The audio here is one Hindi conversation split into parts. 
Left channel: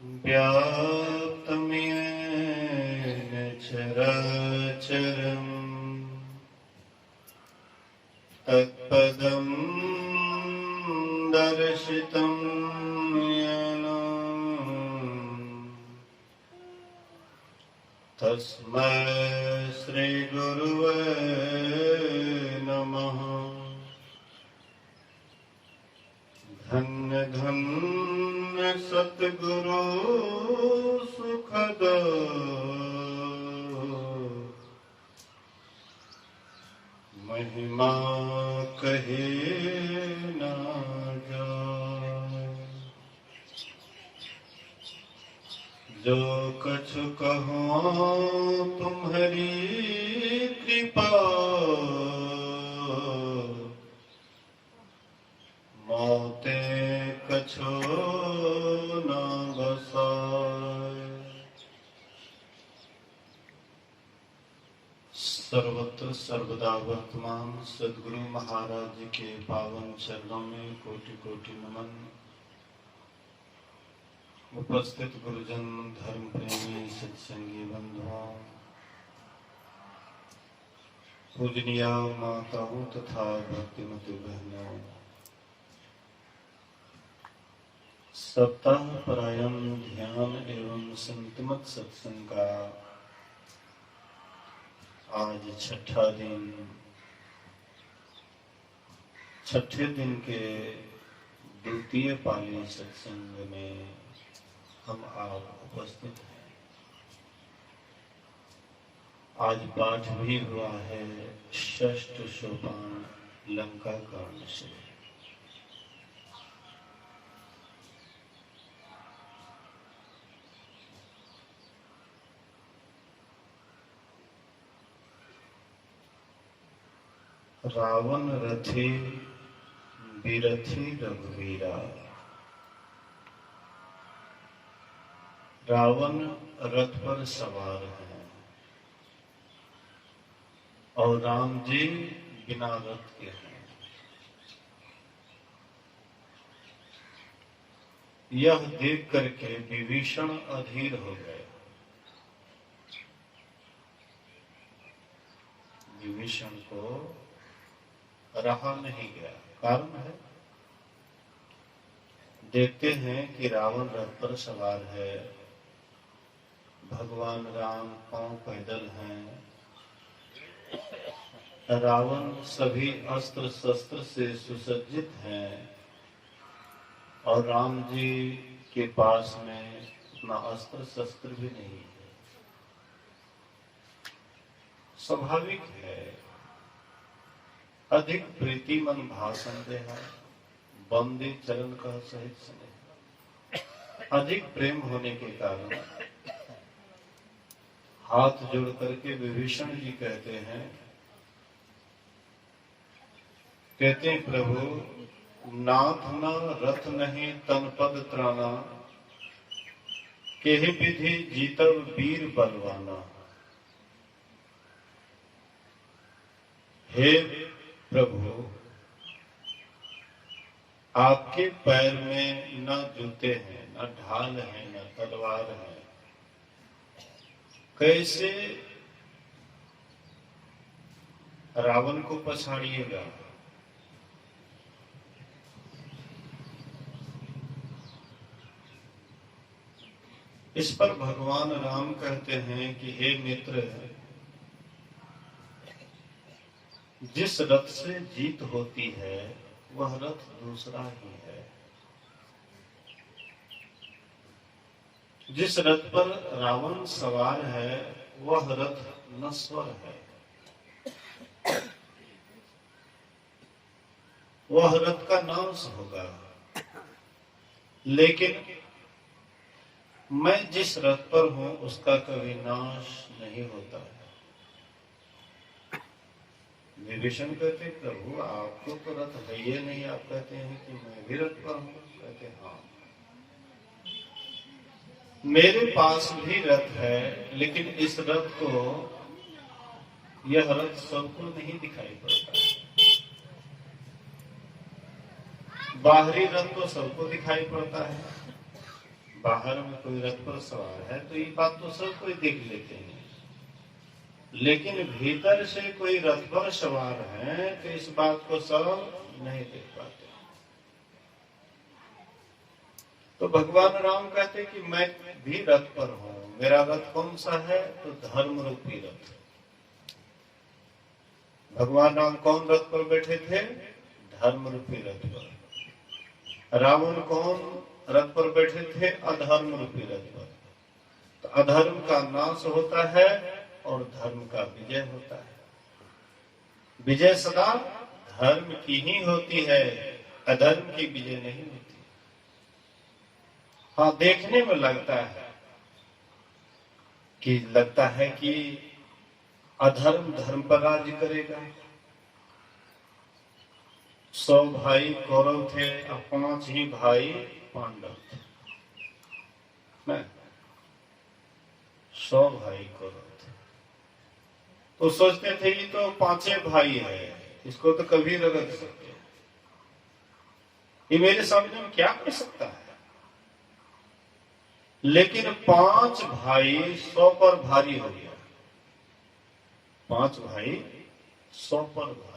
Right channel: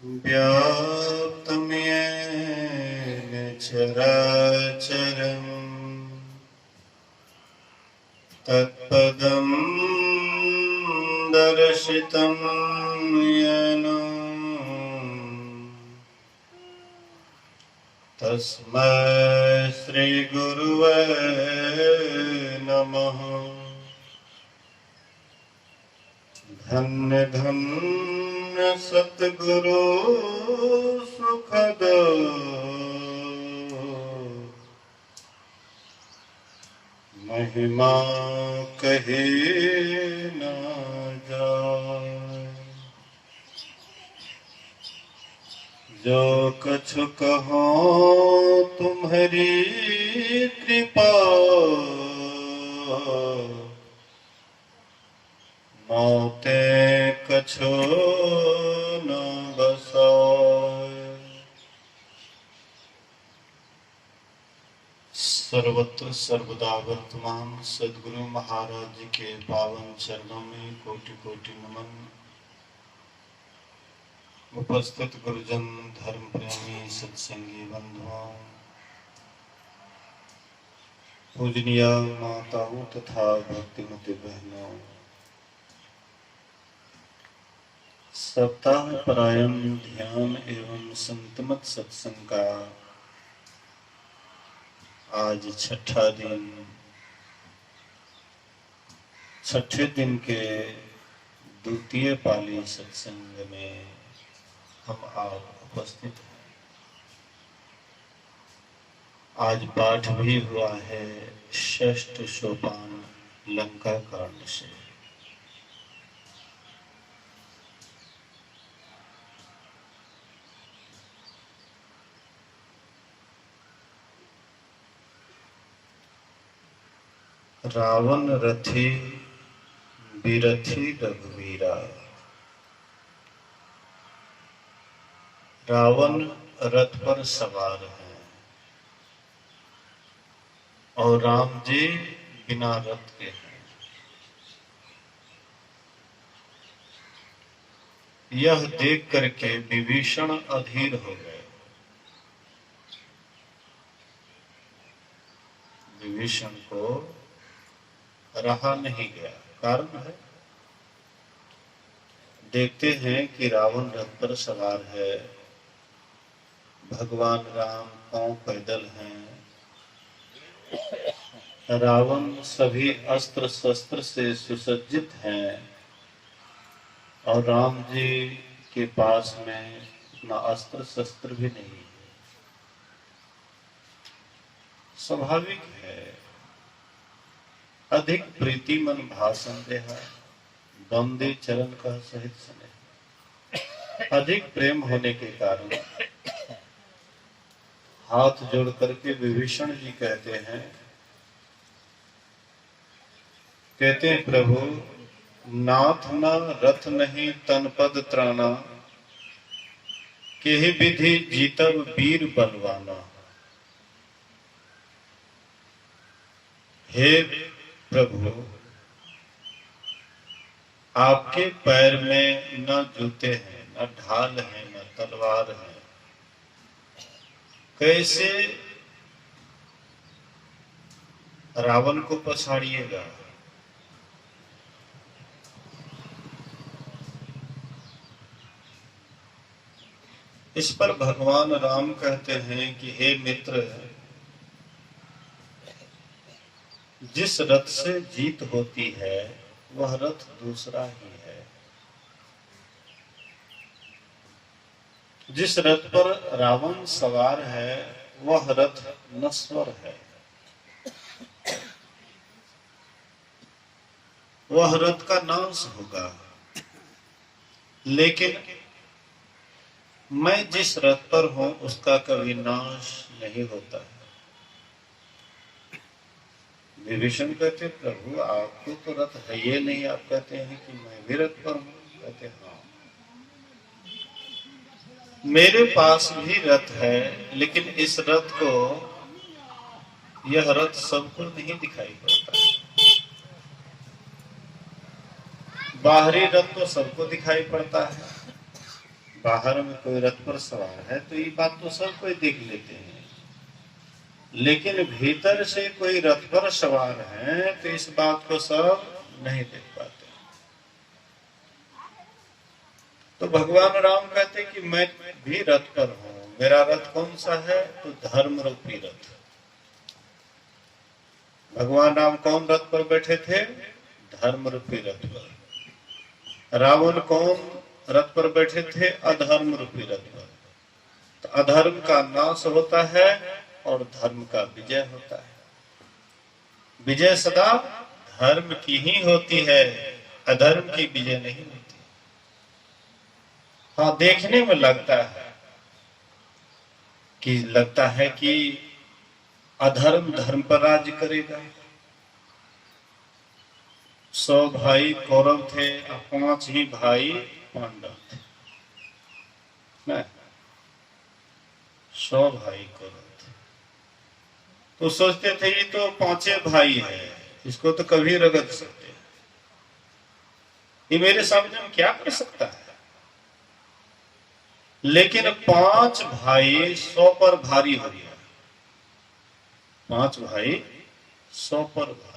व्याप्तं येन चराचरम् तत्पदं दर्शितं येन तस्मै श्रीगुरुवे नमः। धन्य धन्य सतगुरु सुखद महिमा कहे ना जाए। जो कछु कहो तुम्हारी कृपा मोते कछो न बसाए। सर्वत्र सर्वदा वर्तमान सद्गुरु महाराज जी के पावन चरणों में कोटि कोटि नमन। उपस्थित गुरुजन, धर्म प्रेमी, सत्संगी बंधुओं, पूजनीय माताओं तथा भक्तिमती बहनों, सप्ताह परायण ध्यान एवं संतमत सत्संग का आज छठे दिन के द्वितीय पाली सत्संग में हम आप उपस्थित हैं। आज पाठ भी हुआ है षष्ठ सोपान लंका कांड से। रावण रथी बिरथी रघुवीरा। रावण रथ पर सवार है और राम जी बिना रथ के हैं। यह देख करके विभीषण अधीर हो गए। विभीषण को रहा नहीं गया। कारण है, देखते हैं कि रावण रथ पर सवार है, भगवान राम पांव पैदल हैं, रावण सभी अस्त्र शस्त्र से सुसज्जित हैं और राम जी के पास में उतना अस्त्र शस्त्र भी नहीं है। स्वाभाविक है, अधिक प्रीति मन भाषण देहा बंदे चरण का सहित स्नेह। अधिक प्रेम होने के कारण हाथ जोड़ करके विभीषण जी कहते हैं प्रभु नाथ न रथ नहीं तन पद त्राना, केहि विधि जीतब वीर बलवाना। हे प्रभु, आपके पैर में न जूते हैं, न ढाल है, न तलवार है, कैसे रावण को पछाड़िएगा। इस पर भगवान राम कहते हैं कि हे मित्र, जिस रथ से जीत होती है वह रथ दूसरा ही है। जिस रथ पर रावण सवार है वह रथ नश्वर है। वह रथ का नाश होगा। लेकिन मैं जिस रथ पर हूं उसका कभी नाश नहीं होता है। विभीषण कहते प्रभु आपको तो रथ है ये नहीं, आप कहते हैं कि मैं भी रथ पर हूं। कहते हाँ, मेरे पास भी रथ है, लेकिन इस रथ को, यह रथ सबको नहीं दिखाई पड़ता है। बाहरी रथ तो सबको दिखाई पड़ता है, बाहर में कोई रथ पर सवार है तो ये बात तो सब कोई देख लेते हैं, लेकिन भीतर से कोई रथ पर सवार है तो इस बात को सब नहीं देख पाते। तो भगवान राम कहते कि मैं भी रथ पर हूं। मेरा रथ कौन सा है? तो धर्म रूपी रथ। भगवान राम कौन रथ पर बैठे थे? धर्म रूपी रथ पर। रावण कौन रथ पर बैठे थे? अधर्म रूपी रथ पर। तो अधर्म का नाश होता है और धर्म का विजय होता है। विजय सदा धर्म की ही होती है, अधर्म की विजय नहीं होती। हाँ, देखने में लगता है कि अधर्म धर्म पर राज्य करेगा। 100 भाई कौरव थे और 5 ही भाई पांडव थे। 100 भाई कौरव थे तो सोचते थे ये तो 5 भाई है, इसको तो कभी रगड़ सकते, ये मेरे सामने में क्या कर सकता है। लेकिन 5 भाई 100 पर भारी हो गया। 5 भाई 100 पर भारी।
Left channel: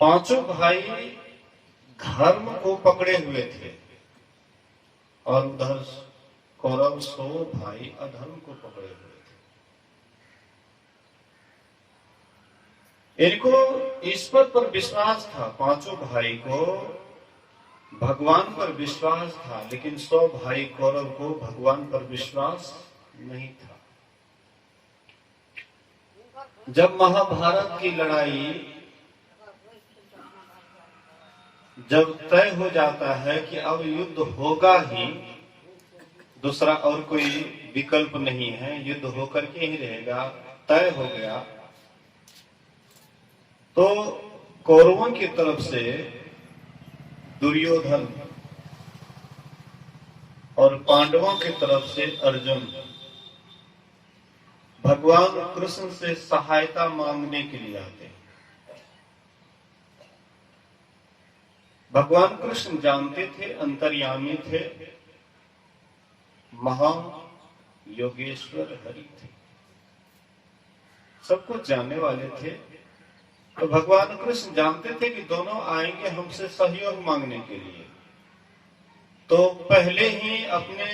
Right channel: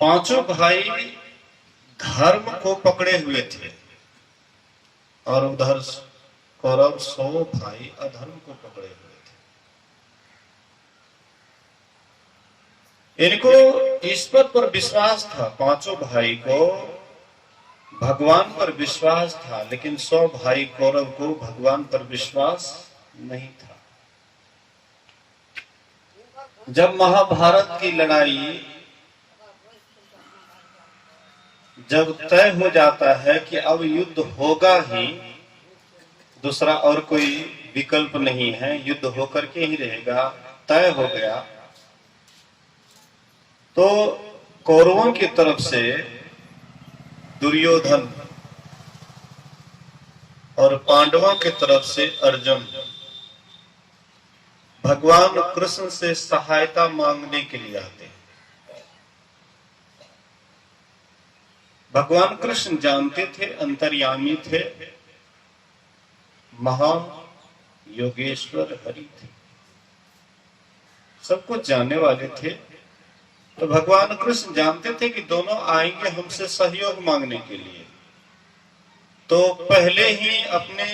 पांचों भाई धर्म को पकड़े हुए थे और उधर कौरव 100 भाई अधर्म को पकड़े हुए थे। इनको ईश्वर पर विश्वास था, पांचों भाई को भगवान पर विश्वास था, लेकिन 100 भाई कौरव को भगवान पर विश्वास नहीं था। जब महाभारत की लड़ाई जब तय हो जाता है कि अब युद्ध होगा ही, दूसरा और कोई विकल्प नहीं है, युद्ध होकर के ही रहेगा, तय हो गया, तो कौरवों की तरफ से दुर्योधन और पांडवों की तरफ से अर्जुन भगवान कृष्ण से सहायता मांगने के लिए आते हैं। भगवान कृष्ण जानते थे, अंतर्यामी थे, महान योगेश्वर हरि थे, सब कुछ जानने वाले थे। तो भगवान कृष्ण जानते थे कि दोनों आएंगे हमसे सहयोग मांगने के लिए, तो पहले ही अपने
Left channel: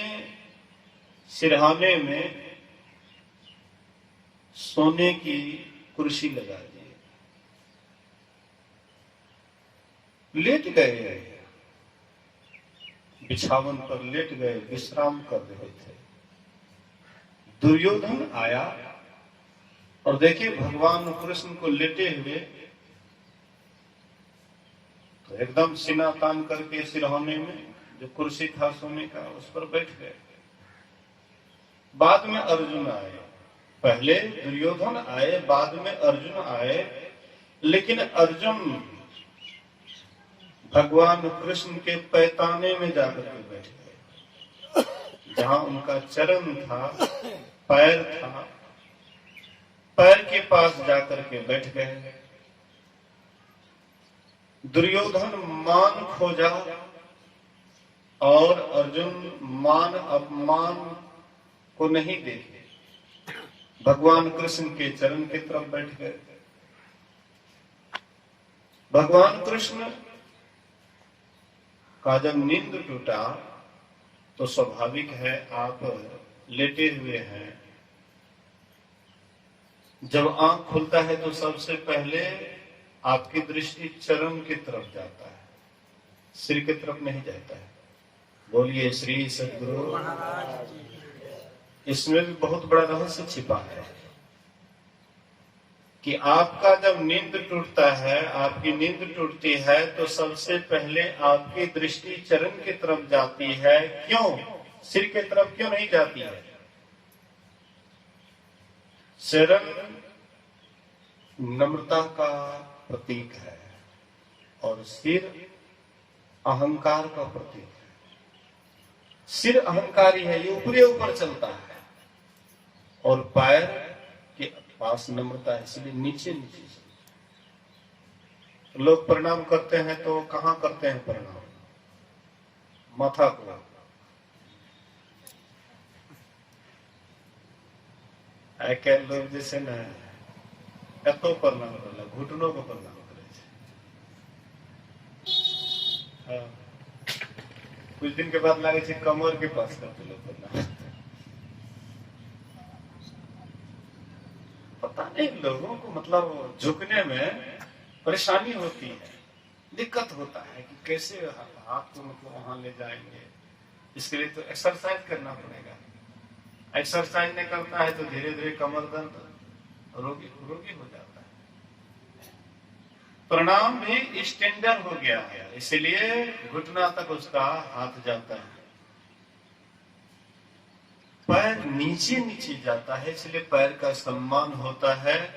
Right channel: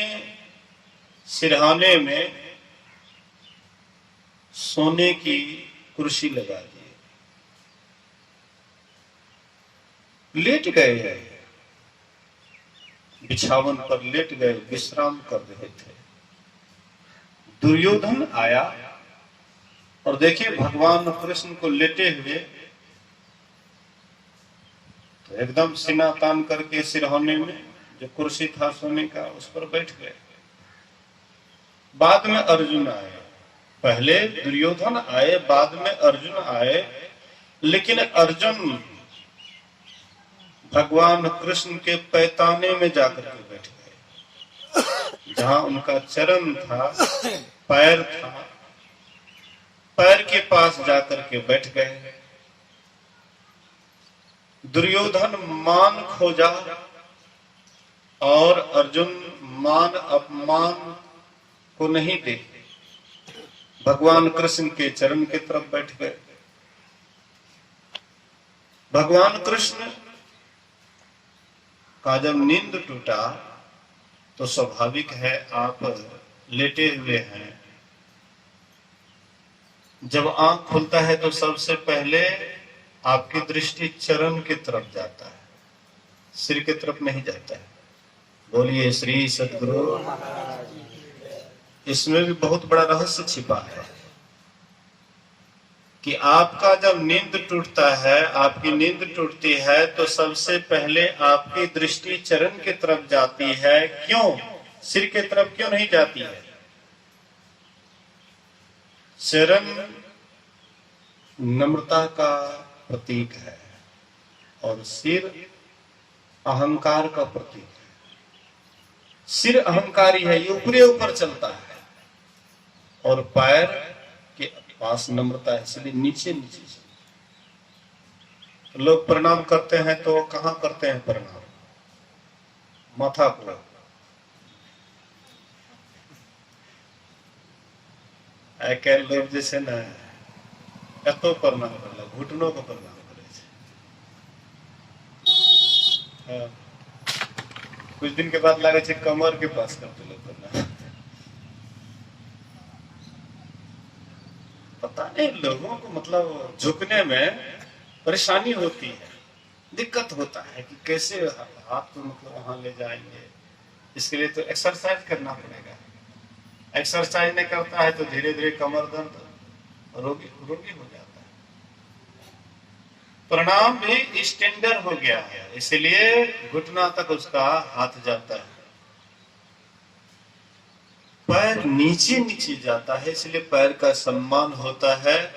सिरहाने में सोने की कुर्सी लगा दी, लेट गए, बिछावन पर लेट गए, विश्राम कर रहे थे। दुर्योधन आया और देखिए भगवान कृष्ण को लेटे हुए, तो एकदम सीना तान करके सिरहाने में जो कुर्सी था सोने का उस पर बैठ गए। बाद में अर्जुन आए, पहले दुर्योधन आए, बाद में अर्जुन आए, लेकिन अर्जुन भगवान कृष्ण के पैताने में जाकर के बैठ गए, जहां उनका चरण था, पैर था, पैर के पास जाकर के बैठ गए। दुर्योधन मान खोजा और अर्जुन मान अपमान को नहीं देखे, भगवान कृष्ण के चरण की तरफ बैठ गए। भगवान कृष्ण का जब नींद टूटा तो स्वाभाविक है, आप लेटे हुए हैं, जब आंख खुलता है तो सबसे पहले आपकी दृष्टि चरण की तरफ जाता है, सिर की तरफ नहीं जाता है। बोलिए श्री सद्गुरु। इसमें भी बहुत बड़ा रहस्य छिपा है कि आपका जब नींद टूटता है, आपकी नींद टूटती है, तो सबसे पहले आपकी दृष्टि चरण की तरफ जाती है। क्यों? सिर की तरफ क्यों नहीं जाती है? चरण नम्रता का प्रतीक है और सिर अहंकार का प्रतीक है। सिर अहंकारी है, ये ऊपरी ऊपर चलता है, और पैर के पास नम्रता है, इसलिए नीचे नीचे चलता है। लोग प्रणाम करते हैं तो कहां करते हैं प्रणाम? माथा को आई कैल लोग जैसे ना एतो प्रणाम करला घुटनों को प्रणाम करे छे। हाँ। कुछ दिन के बाद लागे छे कमर के पास करते लोग प्रणाम। पता नहीं लोगों को मतलब झुकने में परेशानी होती है, दिक्कत होता है कि कैसे हाथ को मतलब वहां ले जाएंगे। इसके लिए तो एक्सरसाइज करना पड़ेगा। एक्सरसाइज नहीं करता है तो धीरे धीरे कमर दर्द रोगी हो जाता है। प्रणाम भी स्टैंडर्ड हो गया है, इसलिए घुटना तक उसका हाथ जाता है। पैर नीचे नीचे जाता है, इसलिए पैर का सम्मान होता है,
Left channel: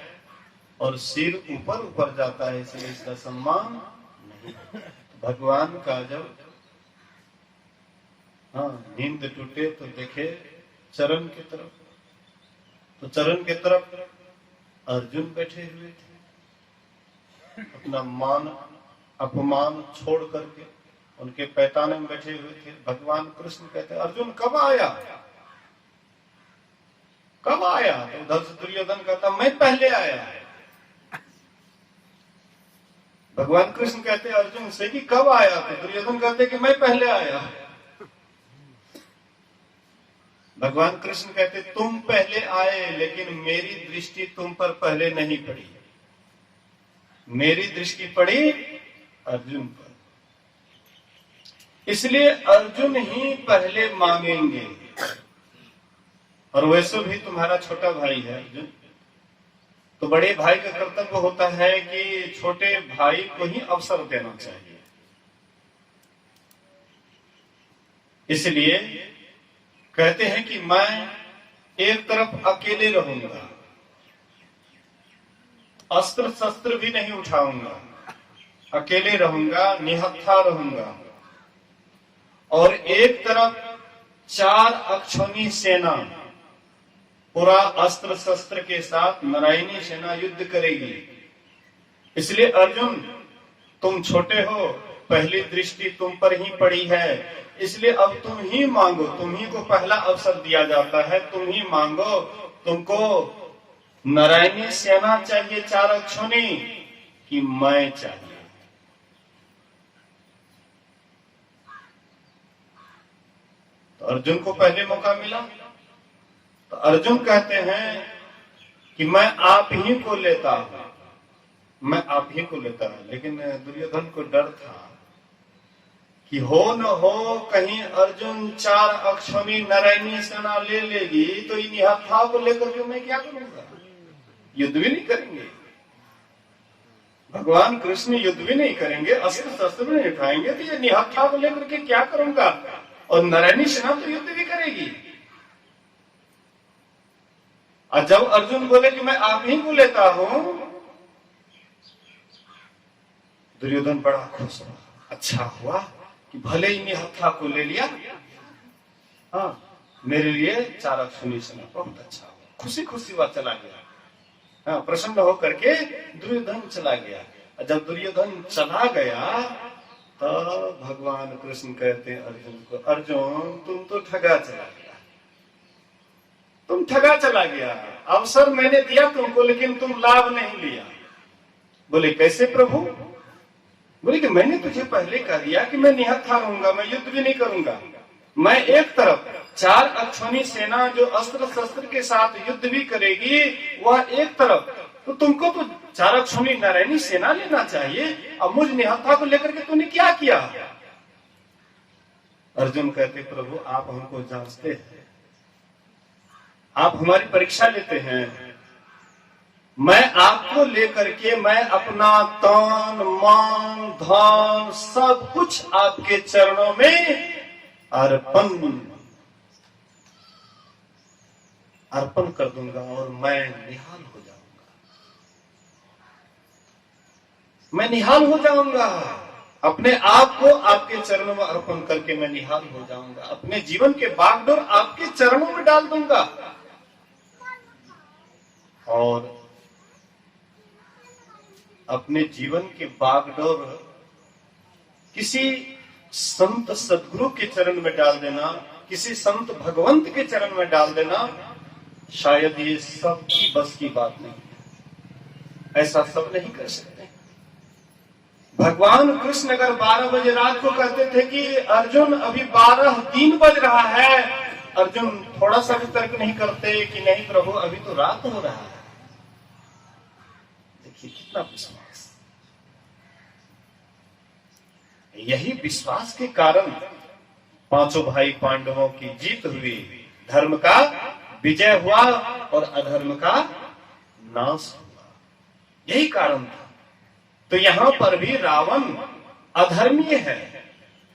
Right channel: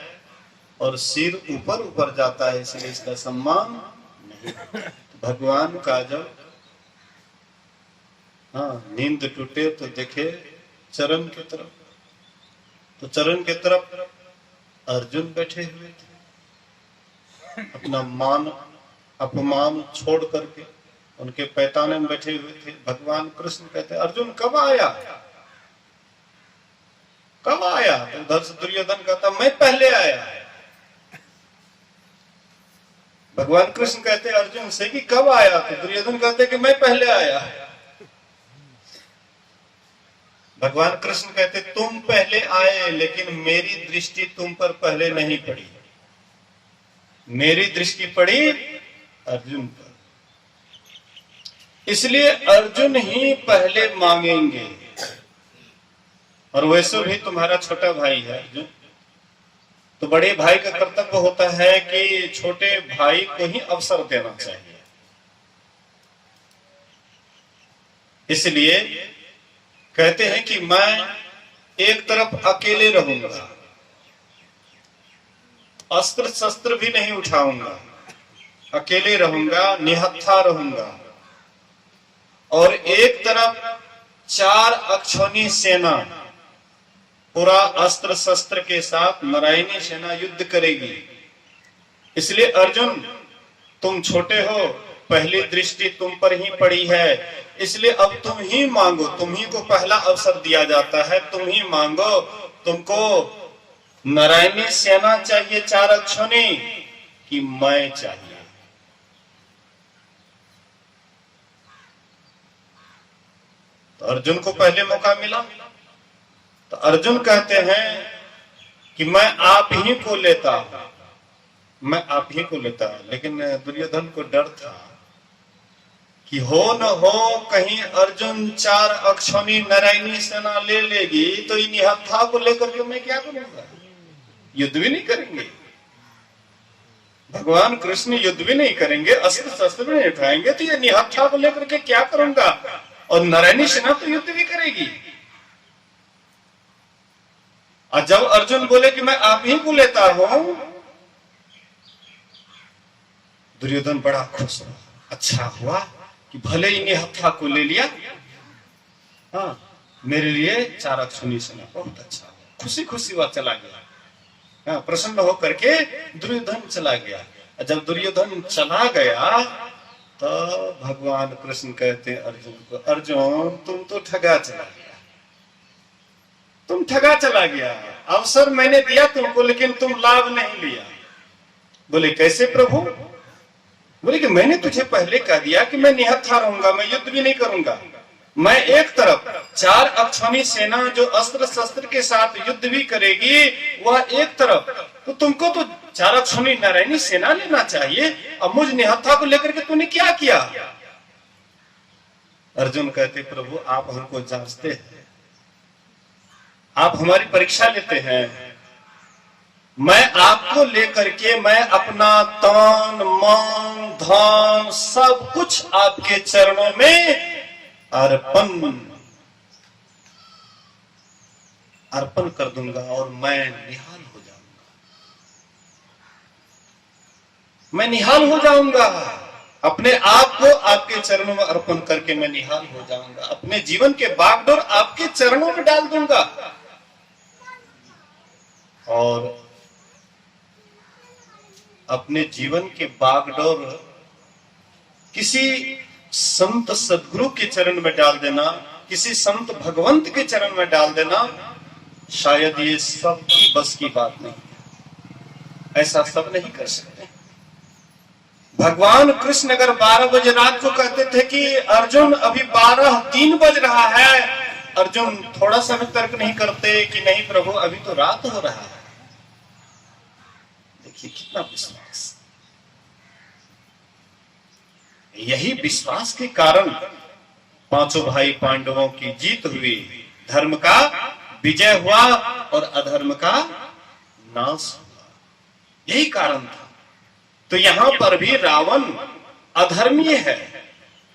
और सिर ऊपर ऊपर जाता है, इसलिए इसका सम्मान नहीं। भगवान का जब नींद टूटे तो देखे चरण की तरफ, तो चरण की तरफ अर्जुन बैठे हुए थे, अपना मान अपमान छोड़ करके उनके पैताने में बैठे हुए थे। भगवान कृष्ण कहते अर्जुन कब आया, कब आया? तो उधर से दुर्योधन कहता मैं पहले आया। भगवान कृष्ण कहते अर्जुन से कि कब आया? तो दुर्योधन कहते कि मैं पहले आया। भगवान कृष्ण कहते तुम पहले आए, लेकिन मेरी दृष्टि तुम पर पहले नहीं पड़ी, मेरी दृष्टि पड़ी अर्जुन पर, इसलिए अर्जुन ही पहले मांगेंगे। और वैसे भी तुम्हारा छोटा भाई है अर्जुन, तो बड़े भाई का कर्तव्य होता है कि छोटे भाई को ही अवसर देना चाहिए। इसलिए कहते हैं कि मैं एक तरफ अकेले रहूंगा, अस्त्र शस्त्र भी नहीं उठाऊंगा, अकेले रहूंगा, निहत्था रहूंगा, और एक तरफ 4 अक्षौणी सेना पूरा अस्त्र शस्त्र के साथ नारायणी सेना युद्ध करेगी। इसलिए अर्जुन तुम छोटे हो, पहली दृष्टि तुम पर ही पड़ी है, इसलिए अब तुम ही मांगो, तुम ही को पहला अवसर दिया जाता है, तुम ही मांगो। तुमको नारायणी सेना चाहिए 4 अक्षौणी कि मैं चाहिए? तो अर्जुन को पहले मौका मिला, तो अर्जुन कहते हैं कि मैं आप ही को लेता हूं, मैं आप ही को लेता हूं। लेकिन दुर्योधन को डर था कि हो न हो कहीं अर्जुन 4 अक्षौणी नारायणी सेना ले लेगी तो इन निहत्था को लेकर के मैं क्या करूंगा? युद्ध भी नहीं करेंगे, भगवान कृष्ण युद्ध भी नहीं करेंगे, अस्त्र शस्त्र भी नहीं उठाएंगे, तो ये निहत्था को लेकर के क्या करूंगा? और नारायणी सेना तो युद्ध भी करेगी। और जब अर्जुन बोले कि मैं आप ही को लेता हूं, दुर्योधन बड़ा खुश हुआ। अच्छा हुआ कि भले ही निहत्था को ले लिया, मेरे लिए 4 अक्षौणी सेना, बहुत अच्छा, खुशी खुशी वह चला गया। प्रसन्न होकर के दुर्योधन चला गया। जब दुर्योधन चला गया तो भगवान कृष्ण कहते हैं अर्जुन को, अर्जुन तुम तो ठगा चला गया, तुम ठगा चला गया। अवसर मैंने दिया तुमको, लेकिन तुम लाभ नहीं लिया। बोले कैसे प्रभु? बोले कि मैंने तुझे पहले कह दिया कि मैं निहत्था रहूंगा, मैं युद्ध भी नहीं करूंगा। मैं एक तरफ 4 अक्षौणी सेना जो अस्त्र शस्त्र के साथ युद्ध भी करेगी, वह एक तरफ, तो तुमको तो 4 अक्षौणी नारायणी सेना लेना चाहिए। अब मुझ निहत्था को लेकर के तूने क्या किया? अर्जुन कहते प्रभु आप हमको जांचते हैं, आप हमारी परीक्षा लेते हैं। मैं आपको लेकर के मैं अपना तन मन धन सब कुछ आपके चरणों में अर्पण कर दूंगा और मैं निहाल हो जाऊंगा, मैं निहाल हो जाऊंगा। अपने आप को आपके चरणों में अर्पण करके मैं निहाल हो जाऊंगा, अपने जीवन के बागडोर आपके चरणों में डाल दूंगा। और अपने जीवन के बागडोर किसी संत सदगुरु के चरण में डाल देना, किसी संत भगवंत के चरण में डाल देना, शायद ये सब की बस की बात नहीं है। ऐसा सब नहीं कर सकते। भगवान कृष्ण अगर 12 बजे रात को कहते थे कि अर्जुन अभी 12:03 बज रहा है, अर्जुन थोड़ा सा भी तर्क नहीं करते कि नहीं प्रभु अभी तो रात हो रहा है। देखिए कितना विश्वास। यही विश्वास के कारण पांचों भाई पांडवों की जीत हुई, धर्म का विजय हुआ और अधर्म का नाश हुआ। यही कारण था। तो यहां पर भी रावण अधर्मी है,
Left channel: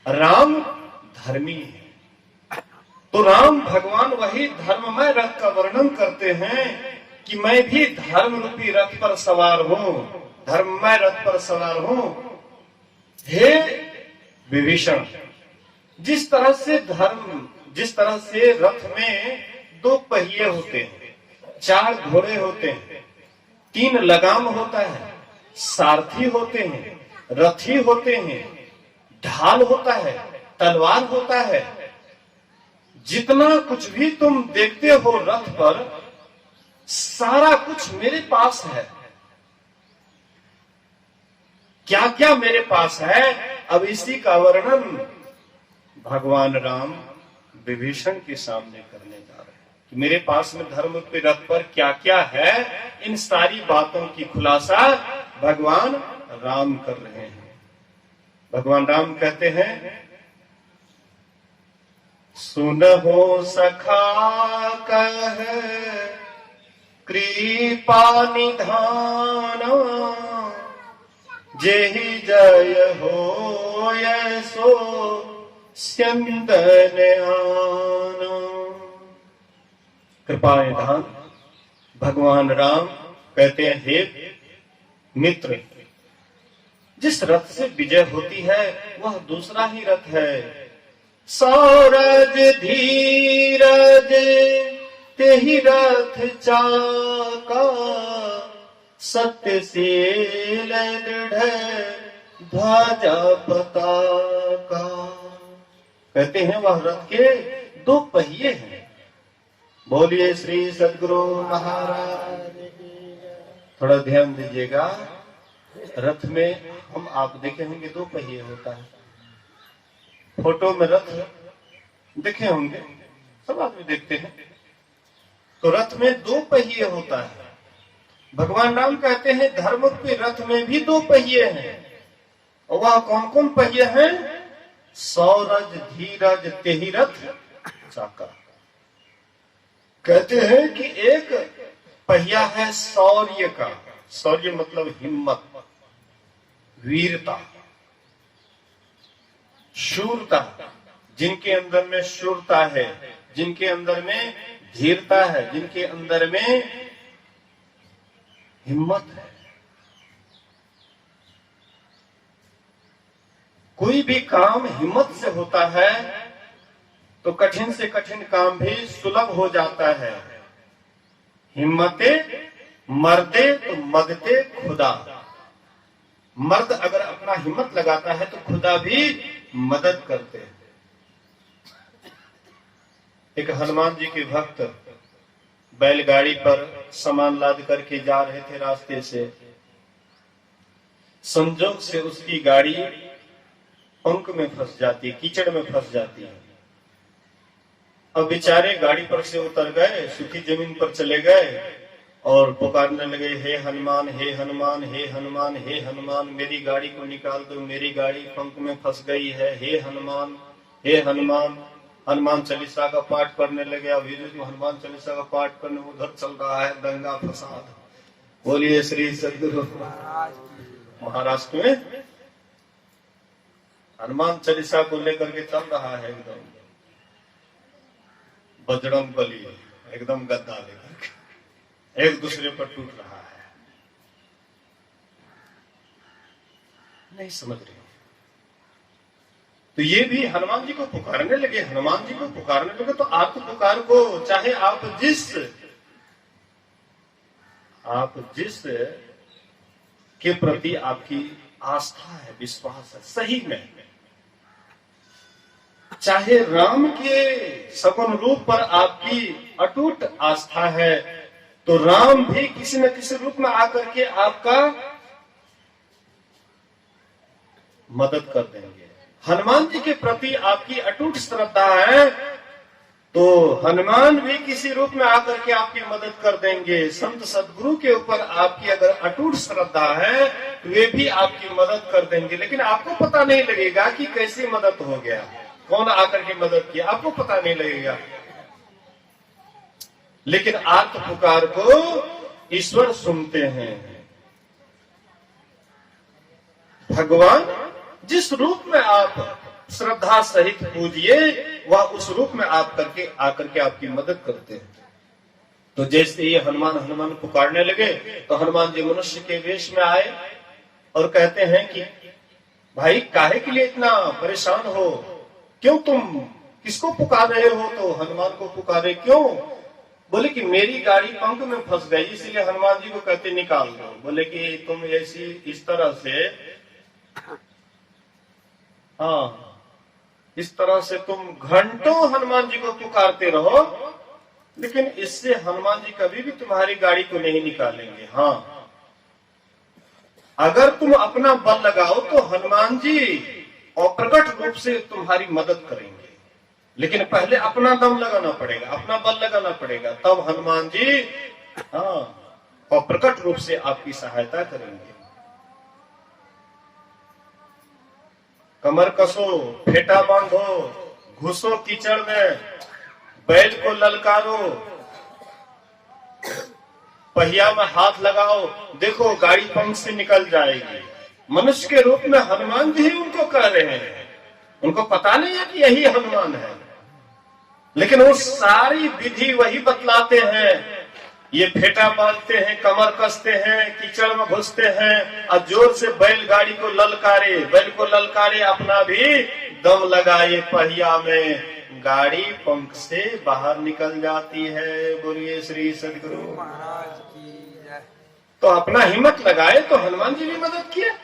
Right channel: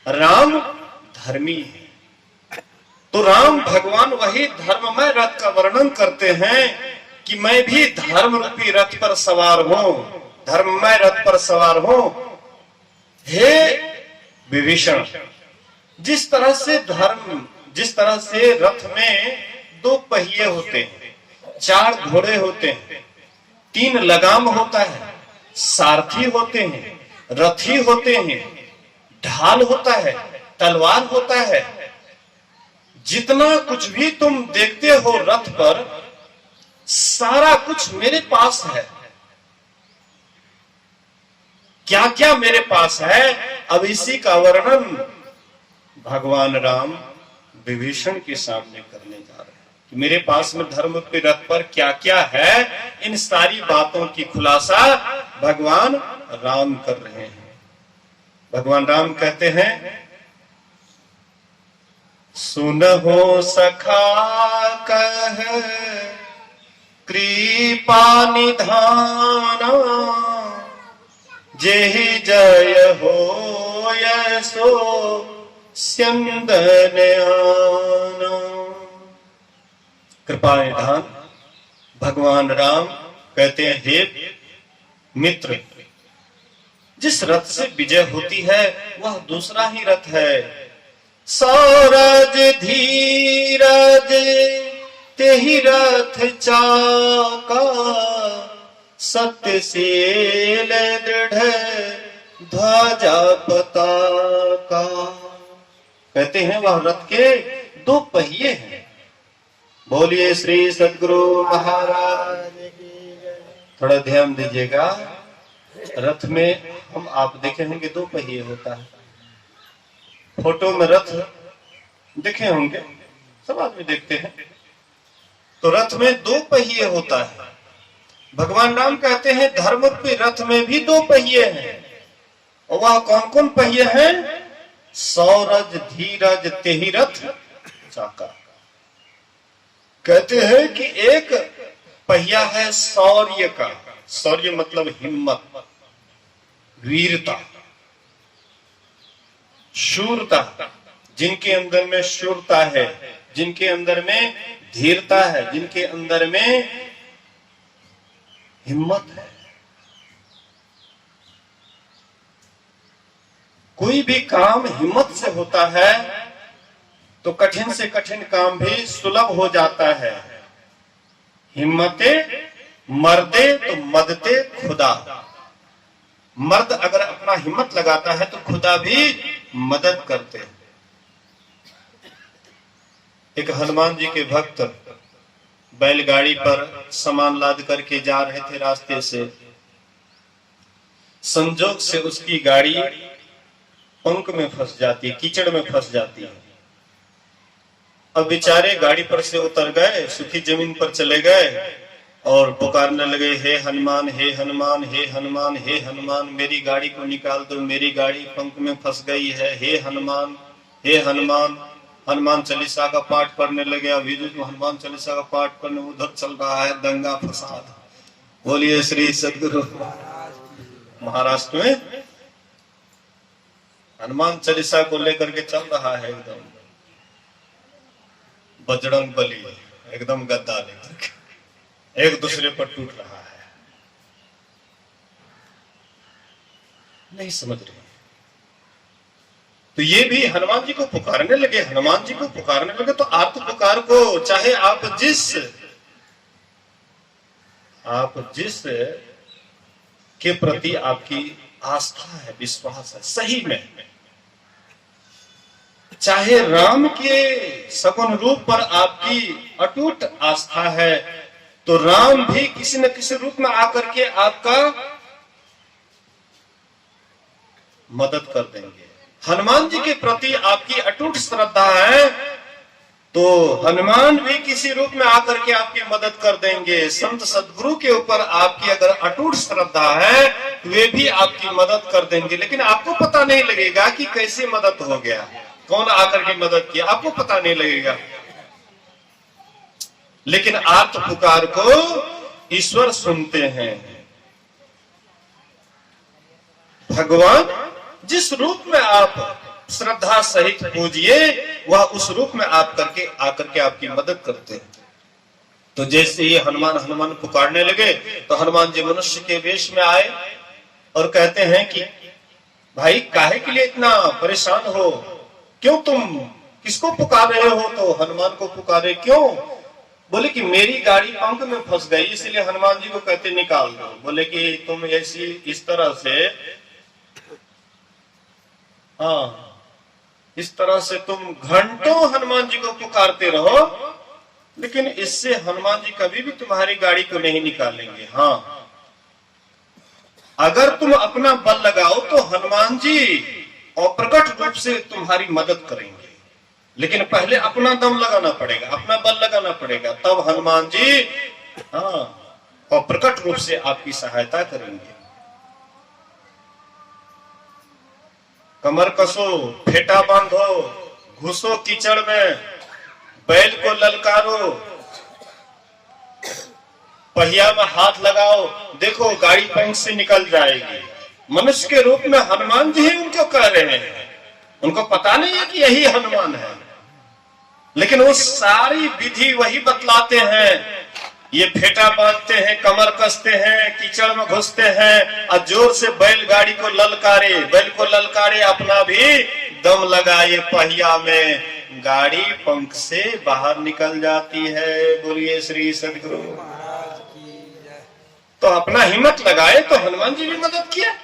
राम धर्मी है। तो राम भगवान वही धर्ममय रथ का वर्णन करते हैं कि मैं भी धर्म रूपी रथ पर सवार हूं, धर्ममय रथ पर सवार हूं। हे विभीषण, जिस तरह से रथ में 2 पहिए होते हैं, 4 घोड़े होते हैं, 3 लगाम होता है, सारथी होते हैं, रथी होते हैं, ढाल होता है, तलवार होता है, जितना कुछ भी तुम देखते हो रथ पर, सारा कुछ मेरे पास है। क्या क्या मेरे पास है, अब इसी का वर्णन भगवान राम विभीषण के सामने करने जा रहे हैं कि मेरे पास में धर्म के रथ पर क्या क्या है। इन सारी बातों की खुलासा भगवान राम कर रहे हैं। भगवान राम कहते हैं, सुनहो सखा कह कृपा निधाना, जेहि जय हो सो स्यंदन आना। कृपा निधान भगवान राम कहते हैं, हे मित्र, जिस रथ से विजय होती है वह दूसरा ही रथ है। सौरज धीरज तेहि रथ चाका, सत्यशील दृढ़ ध्वजा पताका। कहते हैं वह रथ के 2 पहिए हैं। बोलिए श्री सद्गुरु महाराज। थोड़ा ध्यान दीजिएगा, रथ में हम आप देखे होंगे 2 पहिए होता है। फोटो में रथ देखे होंगे, सब आदमी देखते हैं। तो रथ में 2 पहिए होता है। भगवान राम कहते हैं धर्म के रथ में भी 2 पहिए हैं। और वह कौन कौन पहिए हैं? सौरज धीरज तेहि रथ चाका। कहते हैं कि एक पहिया है शौर्य का, शौर्य मतलब हिम्मत, वीरता, शूरता। जिनके अंदर में शूरता है, जिनके अंदर में धीरता है, जिनके अंदर में हिम्मत है। कोई भी काम हिम्मत से होता है तो कठिन से कठिन काम भी सुलभ हो जाता है। हिम्मते मर्दे तो मदते खुदा। मर्द अगर अपना हिम्मत लगाता है तो खुदा भी मदद करते हैं। एक हनुमान जी के भक्त बैलगाड़ी पर सामान लाद करके जा रहे थे रास्ते से। संजोग से उसकी गाड़ी पंक में फंस जाती है, कीचड़ में फंस जाती है। अब बेचारे गाड़ी पर से उतर गए, सूखी जमीन पर चले गए और पुकारने लगे, हे हनुमान, हे हनुमान, हे हनुमान, हे हनुमान, मेरी गाड़ी को निकाल दो, मेरी गाड़ी पंख में फंस गई है, हे हनुमान, हे हनुमान। हनुमान चालीसा का पाठ पढ़ने लगे। अभी जो हनुमान चालीसा का पाठ करने उधर चल रहा है दंगा फसाद। बोलिए श्री सद्गुरु। महाराष्ट्र में हनुमान चालीसा को लेकर के चल रहा है एकदम बजरंग बली, एकदम गद्दा लेकर के एक दूसरे पर टूट रहा है। नहीं समझ रहे। तो ये भी हनुमान जी को पुकारने लगे, हनुमान जी को पुकारने लगे। तो आप पुकार को, चाहे आप जिस के प्रति आपकी आस्था है, विश्वास है, सही में चाहे राम के सगुण रूप पर आपकी अटूट आस्था है, तो राम भी किसी न किसी रूप में आकर के आपका मदद कर देंगे। हनुमान जी के प्रति आपकी अटूट श्रद्धा है, तो हनुमान भी किसी रूप में आकर के आपकी मदद कर देंगे। संत सदगुरु के ऊपर आपकी अगर अटूट श्रद्धा है, तो वे भी आपकी मदद कर देंगे, लेकिन आपको पता नहीं लगेगा कि कैसे मदद हो गया, कौन आकर के मदद किया, आपको पता नहीं लगेगा। लेकिन आर्त पुकार को ईश्वर सुनते हैं। भगवान जिस रूप में आप श्रद्धा सहित पूजिए, वह उस रूप में आप करके आकर के आपकी मदद करते हैं। तो जैसे ये हनुमान हनुमान पुकारने लगे, तो हनुमान जी मनुष्य के वेश में आए और कहते हैं कि भाई काहे के लिए इतना परेशान हो, क्यों तुम किसको पुकार रहे हो? तो हनुमान को पुकारे क्यों? बोले कि मेरी गाड़ी पंख में फंस गई, इसलिए हनुमान जी को कहते निकाल दो। बोले कि तुम ऐसी इस तरह से, हाँ इस तरह से तुम घंटों हनुमान जी को पुकारते रहो, लेकिन इससे हनुमान जी कभी भी तुम्हारी गाड़ी को नहीं निकालेंगे। हाँ, अगर तुम अपना बल लगाओ तो हनुमान जी अप्रकट रूप से तुम्हारी मदद करेंगे, लेकिन पहले अपना दम लगाना पड़ेगा, अपना बल लगाना पड़ेगा, तब हनुमान जी हाँ अप्रकट रूप से आपकी सहायता करेंगे। कमर कसो, फेटा बांधो, घुसो कीचड़ में, बैल को ललकारो, पहिया में हाथ लगाओ, देखो गाड़ी पंख से निकल जाएगी। मनुष्य के रूप में हनुमान जी ही उनको कह रहे हैं, उनको पता नहीं है कि यही हनुमान है, लेकिन वो सारी विधि वही बतलाते हैं। ये फेटा बांधते हैं, कमर कसते हैं, कीचड़ में घुसते हैं और जोर से बैलगाड़ी को ललकारे, बैल को ललकारे, अपना भी दम लगाए पहिया में, गाड़ी पंख से बाहर निकल जाती है। बोलिए श्री सदगुरु महाराज की जय। तो अपना हिम्मत लगाए तो हनुमान जी भी मदद किया।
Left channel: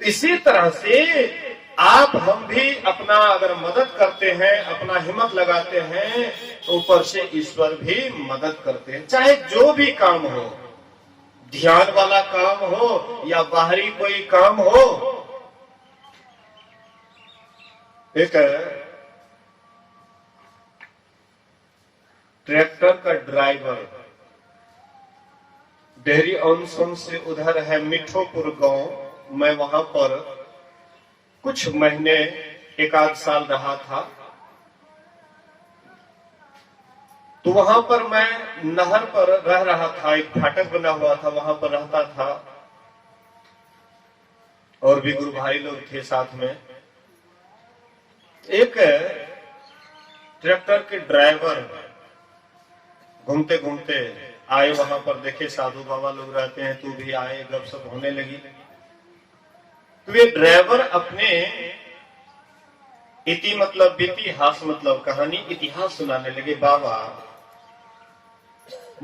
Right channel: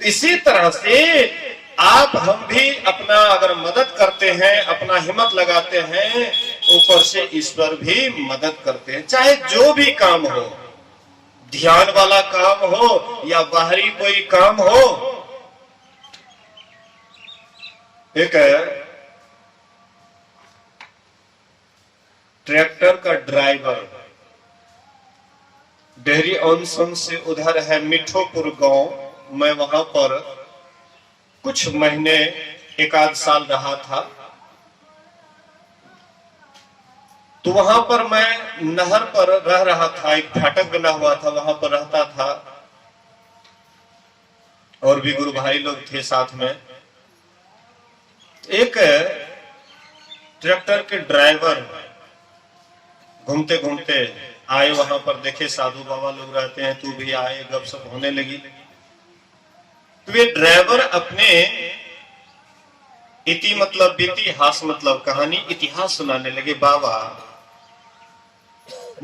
इसी तरह से आप हम भी अपना अगर मदद करते हैं, अपना हिम्मत लगाते हैं, ऊपर से ईश्वर भी मदद करते हैं। चाहे जो भी काम हो, ध्यान वाला काम हो या बाहरी कोई काम हो। एक ट्रैक्टर का ड्राइवर डेहरी ऑनसन से उधर है मिठोपुर गांव, मैं वहां पर कुछ महीने एक आध साल रहा था। तो वहां पर मैं नहर पर रह रहा था, एक फाटक बना हुआ था, वहां पर रहता था, और भी गुरु भाई लोग थे साथ में। एक ट्रैक्टर के ड्राइवर घूमते घूमते आए वहां पर, देखे साधु बाबा लोग रहते हैं, तू भी आए, गपशप होने लगी। तो ये ड्राइवर अपने इति मतलब बीती, हास मतलब कहानी, इतिहास सुनाने लगे। बाबा,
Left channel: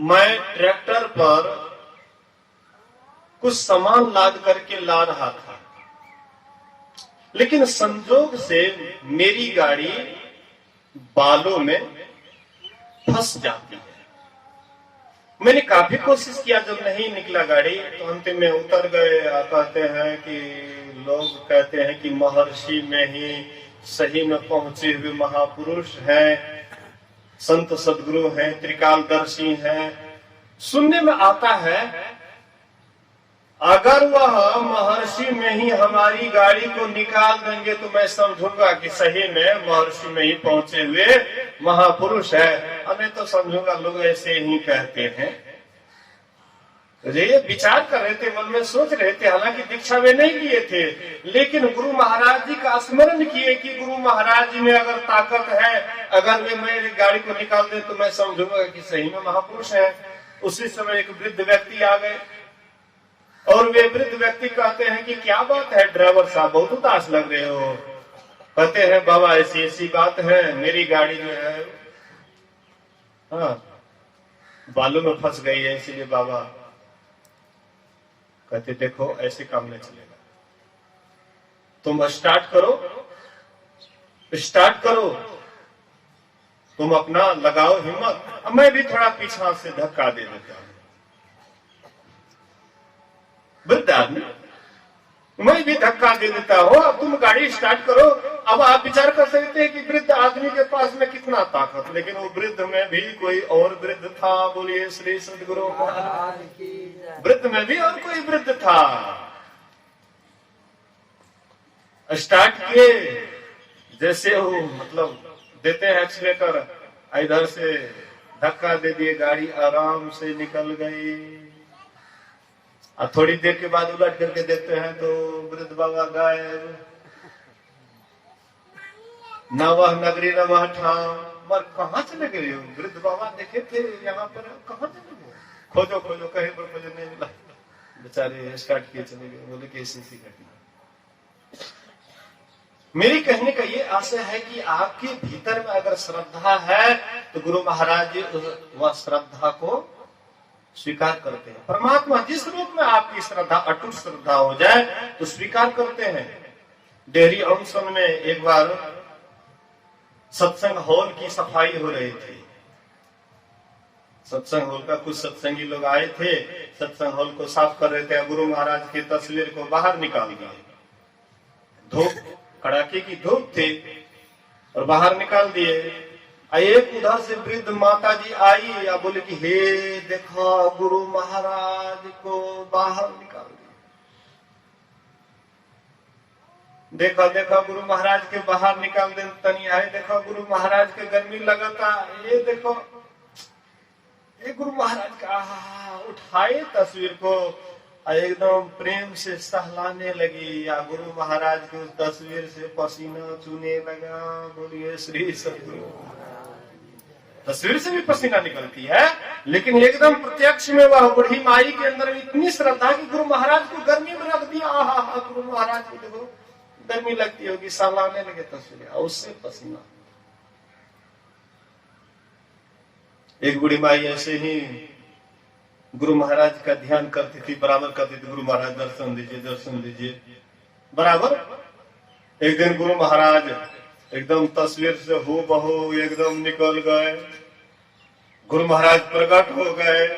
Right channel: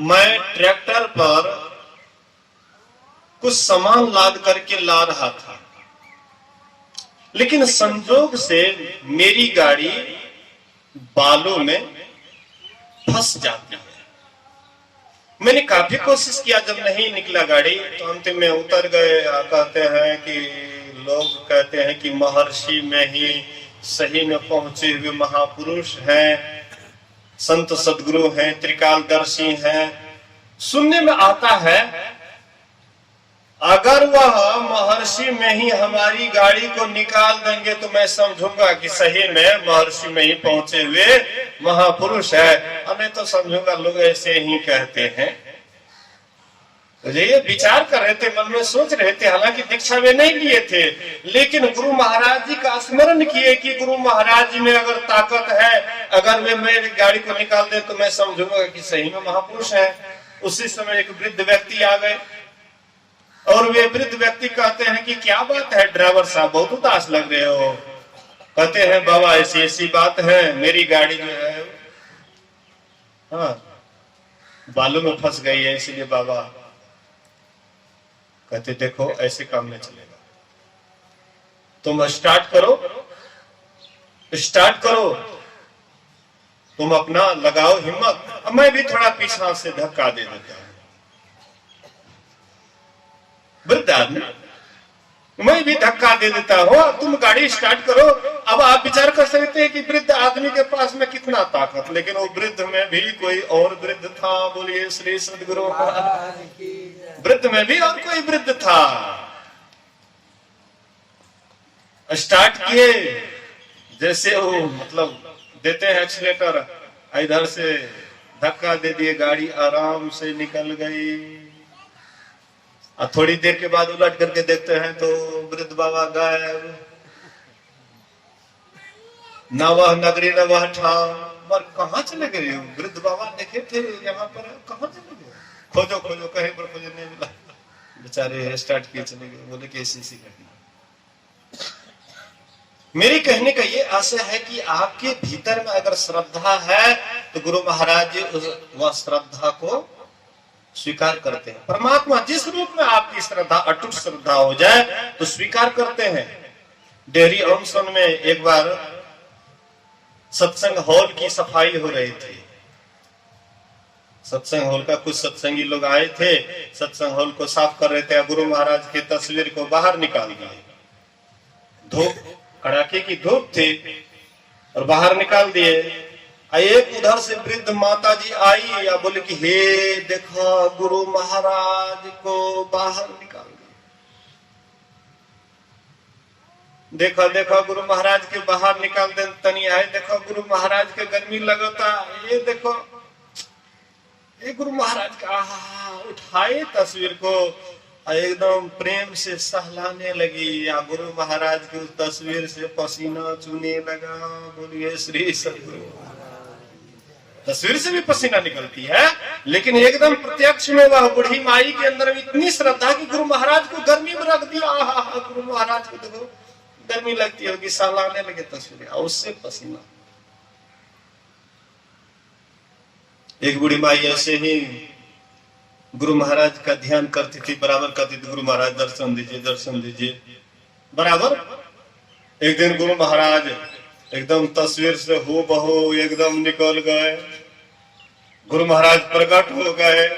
मैं ट्रैक्टर पर कुछ सामान लाद करके ला रहा था, लेकिन संजोग से मेरी गाड़ी बालों में फंस जाती है। मैंने काफी कोशिश किया, जब नहीं निकला गाड़ी तो अंतिम में उतर गए। कहते हैं कि लोग कहते हैं कि महर्षि में ही सही में पहुंचे हुए महापुरुष हैं, संत सदगुरु हैं, त्रिकालदर्शी हैं। सुनने में आता है अगर वह महर्षि में ही हमारी गाड़ी को निकाल देंगे तो मैं समझूंगा कि सही में महर्षि में ही पहुंचे हुए महापुरुष है, नहीं तो समझूंगा लोग ऐसे ही कहते हैं। तो ये विचार कर रहे थे, मन में सोच रहे थे, हालांकि दीक्षा में नहीं लिए थे, लेकिन गुरु महाराज जी का स्मरण किए कि गुरु महाराज जी में अगर ताकत है, अगर वे मेरी गाड़ी को निकाल दे तो मैं समझूंगा कि सही में महापुरुष है। उसी समय एक वृद्ध व्यक्ति आ गए और वे वृद्ध व्यक्ति कहते हैं कि क्या बात है ड्राइवर साहब, बहुत उदास लग रहे हो। कहते हैं बाबा ऐसी ऐसी बात है, मेरी गाड़ी जो है हाँ बालू में फंस गई है, इसीलिए बाबा। कहते देखो ऐसे काम नहीं चलेगा, तुम स्टार्ट करो, स्टार्ट करो, तुम अपना लगाओ हिम्मत। अब मैं भी थोड़ा पीछा से धक्का दे देता हूं, वृद्ध आदमी, मैं भी धक्का दे देता हूं, अब तुम गाड़ी स्टार्ट करो। अब आप विचार कर सकते हैं कि वृद्ध आदमी के पास में कितना ताकत, लेकिन वो वृद्ध में भी कोई और वृद्ध था। बोलिए श्री सद्गुरु। वृद्ध में भी और कोई वृद्ध था। स्टार्ट किए, जैसे वो मतलब देते हैं एक्सीलेटर, इधर से धक्का दे दिए, गाड़ी आराम से निकल गई। और थोड़ी देर के बाद उलट करके देखते हैं तो वृद्ध बाबा गायब, न वह नगरी न वह ठाम। मर कहाँ चले गए हो? वृद्ध बाबा देखे थे यहाँ पर, कहाँ चले गए? खोजो खोजो, कहीं पर खोजो, नहीं मिला। बेचारे स्टार्ट किए चले गए। बोले कि ऐसी घटना। मेरी कहने का ये आशय है कि आपके भीतर में अगर श्रद्धा है तो गुरु महाराज वह श्रद्धा को स्वीकार करते हैं। परमात्मा जिस रूप में आपकी श्रद्धा अटूट श्रद्धा हो जाए तो स्वीकार करते हैं। डेहरी ऑनसन में एक बार सत्संग हॉल की सफाई हो रही थी। सत्संग हॉल का कुछ सत्संगी लोग आए थे, सत्संग हॉल को साफ कर रहे थे। गुरु महाराज की तस्वीर को बाहर निकाल दिए। धूप, कड़ाके की धूप थी और बाहर निकाल दिए। एक उधर से वृद्ध माता जी आई या बोले कि हे देखो गुरु महाराज को बाहर निकाल दिया। देखो देखो गुरु महाराज के बाहर निकाल दे तनी आए, देखो गुरु महाराज के गर्मी लगता। ये देखो ये गुरु महाराज का उठाए तस्वीर को एकदम प्रेम से सहलाने लगी, या गुरु महाराज की उस तस्वीर से पसीना चूने लगा। बोलिए श्री सद्गुरु। तस्वीर से भी पसीना निकलती है, लेकिन एकदम प्रत्यक्ष में वह बूढ़ी माई के अंदर इतनी श्रद्धा कि गुरु महाराज को गर्मी में रख दिया। गुरु महाराज को देखो गर्मी लगती होगी, सहलाने लगे तस्वीरें, और उससे पसीना। एक बूढ़ी माई ऐसे ही गुरु महाराज का ध्यान करती थी, बराबर करती थी, गुरु महाराज दर्शन दीजिए दर्शन दीजिए, बराबर। एक दिन गुरु महाराज एकदम तस्वीर से हो बहो एकदम निकल गए। गुरु महाराज प्रकट हो गए।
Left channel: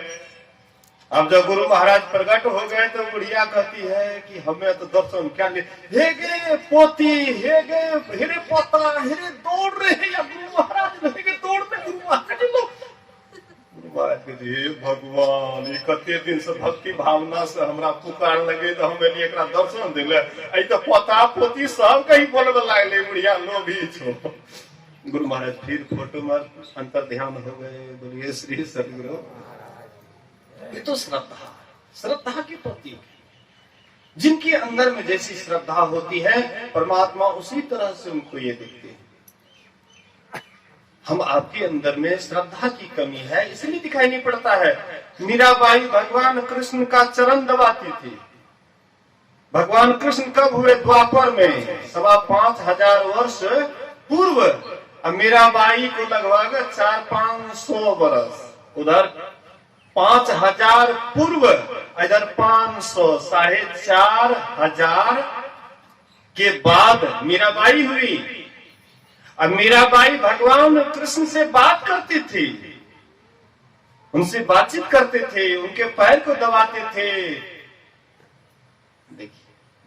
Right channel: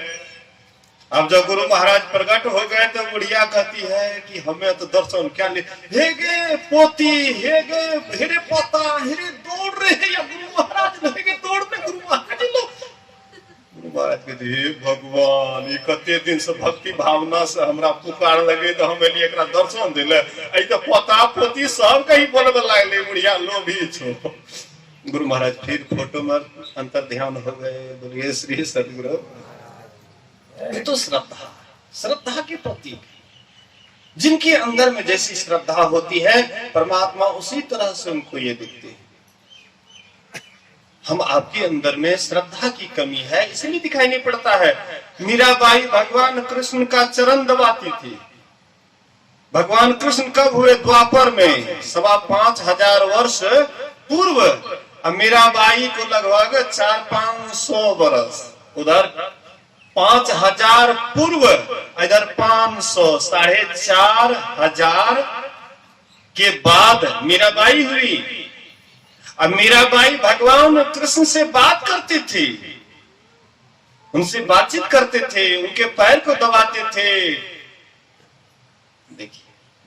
अब जब गुरु महाराज प्रकट हो गए तो बुढ़िया कहती है कि हमें तो दर्शन क्या ले, हे गे पोती, हे गे हेरे पोता, हेरे दौड़ रहे या गुरु महाराज लगे दौड़ में। गुरु महाराज लोग, गुरु महाराज कहते हे भगवान, ये कते दिन से भक्ति भावना से हमरा पुकार लगे तो हमें लिए एकरा दर्शन दिले, आई तो पोता पोती सब कहीं बोलबे लागले बुढ़िया लोभी छो। गुरु महाराज फिर फोटो में अंतर ध्यान हो गए। बोलिए श्री सद्गुरु। ये तो श्रद्धा, श्रद्धा के प्रतीक। जिनके अंदर में जैसी श्रद्धा होती है परमात्मा उसी तरह से उनको ये दिखते हैं। हम आपके अंदर में श्रद्धा की कमी है, इसलिए दिखाई नहीं पड़ता है। मीराबाई भगवान कृष्ण का चरण दबाती थी। भगवान कृष्ण कब हुए? द्वापर में, 5,500 वर्ष पूर्व। मीराबाई को लगभग 400-500 वर्ष, उधर 5,000 पूर्व, इधर 500, 4,500 के बाद मीराबाई हुई। अब मीराबाई भगवान कृष्ण से बात करती थी, उनसे बातचीत करते थे, उनके पैर को दबाते थे। देखिए,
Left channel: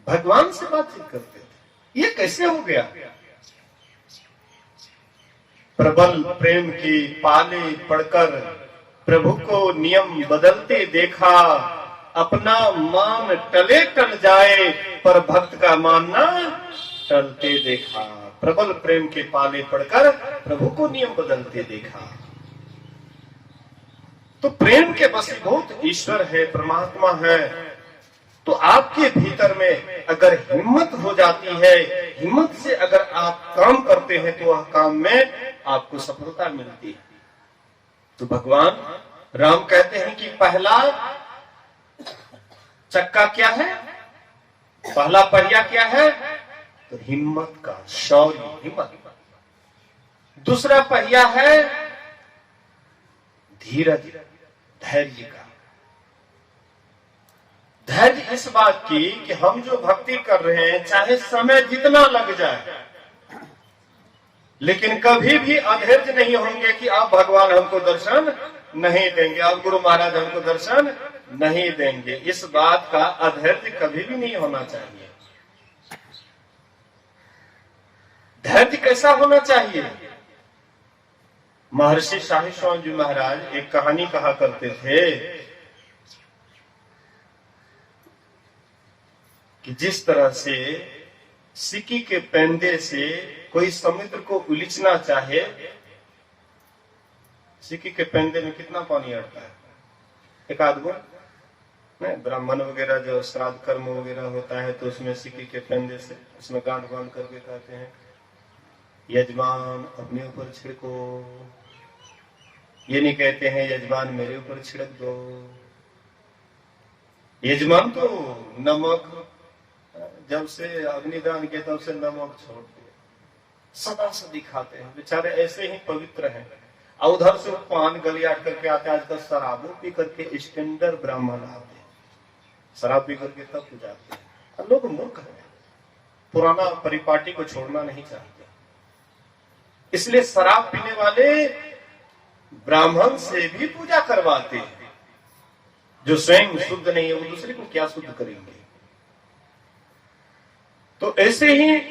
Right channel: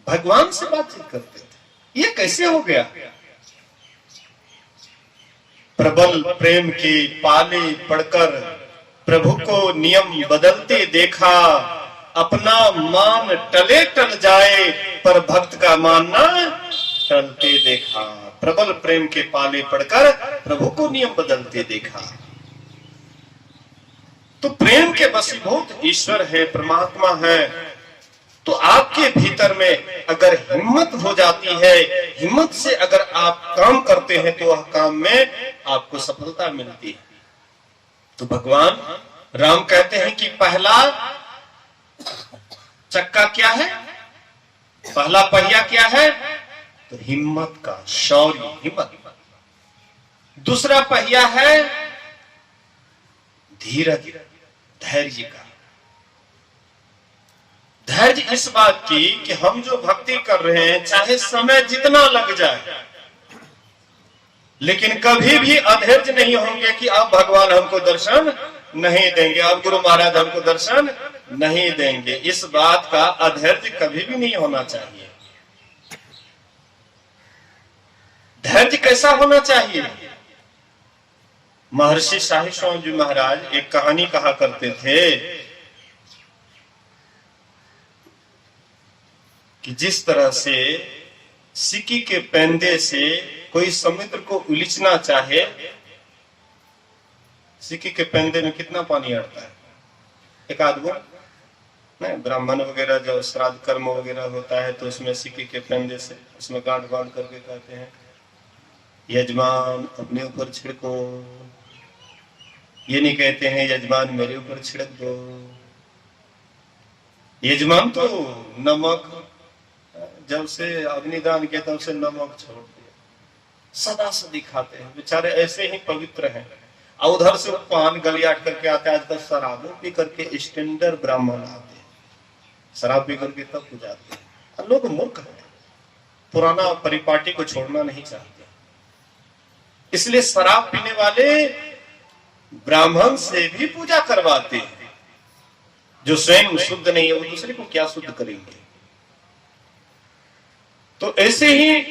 भगवान से बातचीत करते थे। ये कैसे हो गया? प्रबल प्रेम की पाले पढ़कर प्रभु को नियम बदलते देखा। अपना मान टले टल जाए पर भक्त का मानना टलते देखा। प्रबल प्रेम के पाले पढ़कर प्रभु को नियम बदलते देखा। तो प्रेम के वशीभूत ईश्वर है, परमात्मा है। तो आपके भीतर में अगर हिम्मत हो जाती है, हिम्मत से अगर आप काम करते हैं तो वह काम में आपको सफलता मिलती है। तो भगवान राम कहते हैं कि पहला चक्का क्या है, पहला पहिया क्या है? तो हिम्मत का, शौर्य, हिम्मत। दूसरा पहिया है धीरज, धैर्य का। धैर्य इस बात की कि हम जो भक्ति कर रहे हैं चाहे समय जितना लग जाए, लेकिन कभी भी अधैर्य नहीं होंगे कि अब भगवान हमको दर्शन नहीं देंगे, अब गुरु महाराज हमको दर्शन नहीं देंगे। इस बात का अधैर्य कभी भी नहीं होना चाहिए। धैर्य कैसा होना चाहिए? महर्षि शाही स्वामी जी महाराज एक कहानी कहा करते थे कि जिस तरह से सिक्की के पेंदे से कोई समुद्र को उलीचना चाहे, सिक्की के पेंदे में कितना पानी अड़ता है, एक आध बूंद नहीं। ब्राह्मण वगैरह जब श्राद्ध कर्म वगैरह होता है तो उसमें सिक्की के पेंदे से उसमें गांठ बांध करके कहते हैं यजमान अपने ऊपर छिड़को, ये नहीं कहते हैं यजमान मेरे ऊपर छिड़क दो। यजमान तो नमक जब से अग्निदान किया तब से नमक छोड़ दिया, सदा सदी खाते हैं, बेचारे ऐसे ही पवित्र हैं। और उधर से पान गलियाट करके आते हैं। आजकल शराबों पी करके स्टैंडर्ड ब्राह्मण आते हैं, शराब पी करके तब पूजाते हैं। लोग मूर्ख हैं, पुराना परिपाटी को छोड़ना नहीं चाहते, इसलिए शराब पीने वाले ब्राह्मण से भी पूजा करवाते हैं। जो स्वयं शुद्ध नहीं है वो दूसरे को क्या शुद्ध करेंगे? तो ऐसे ही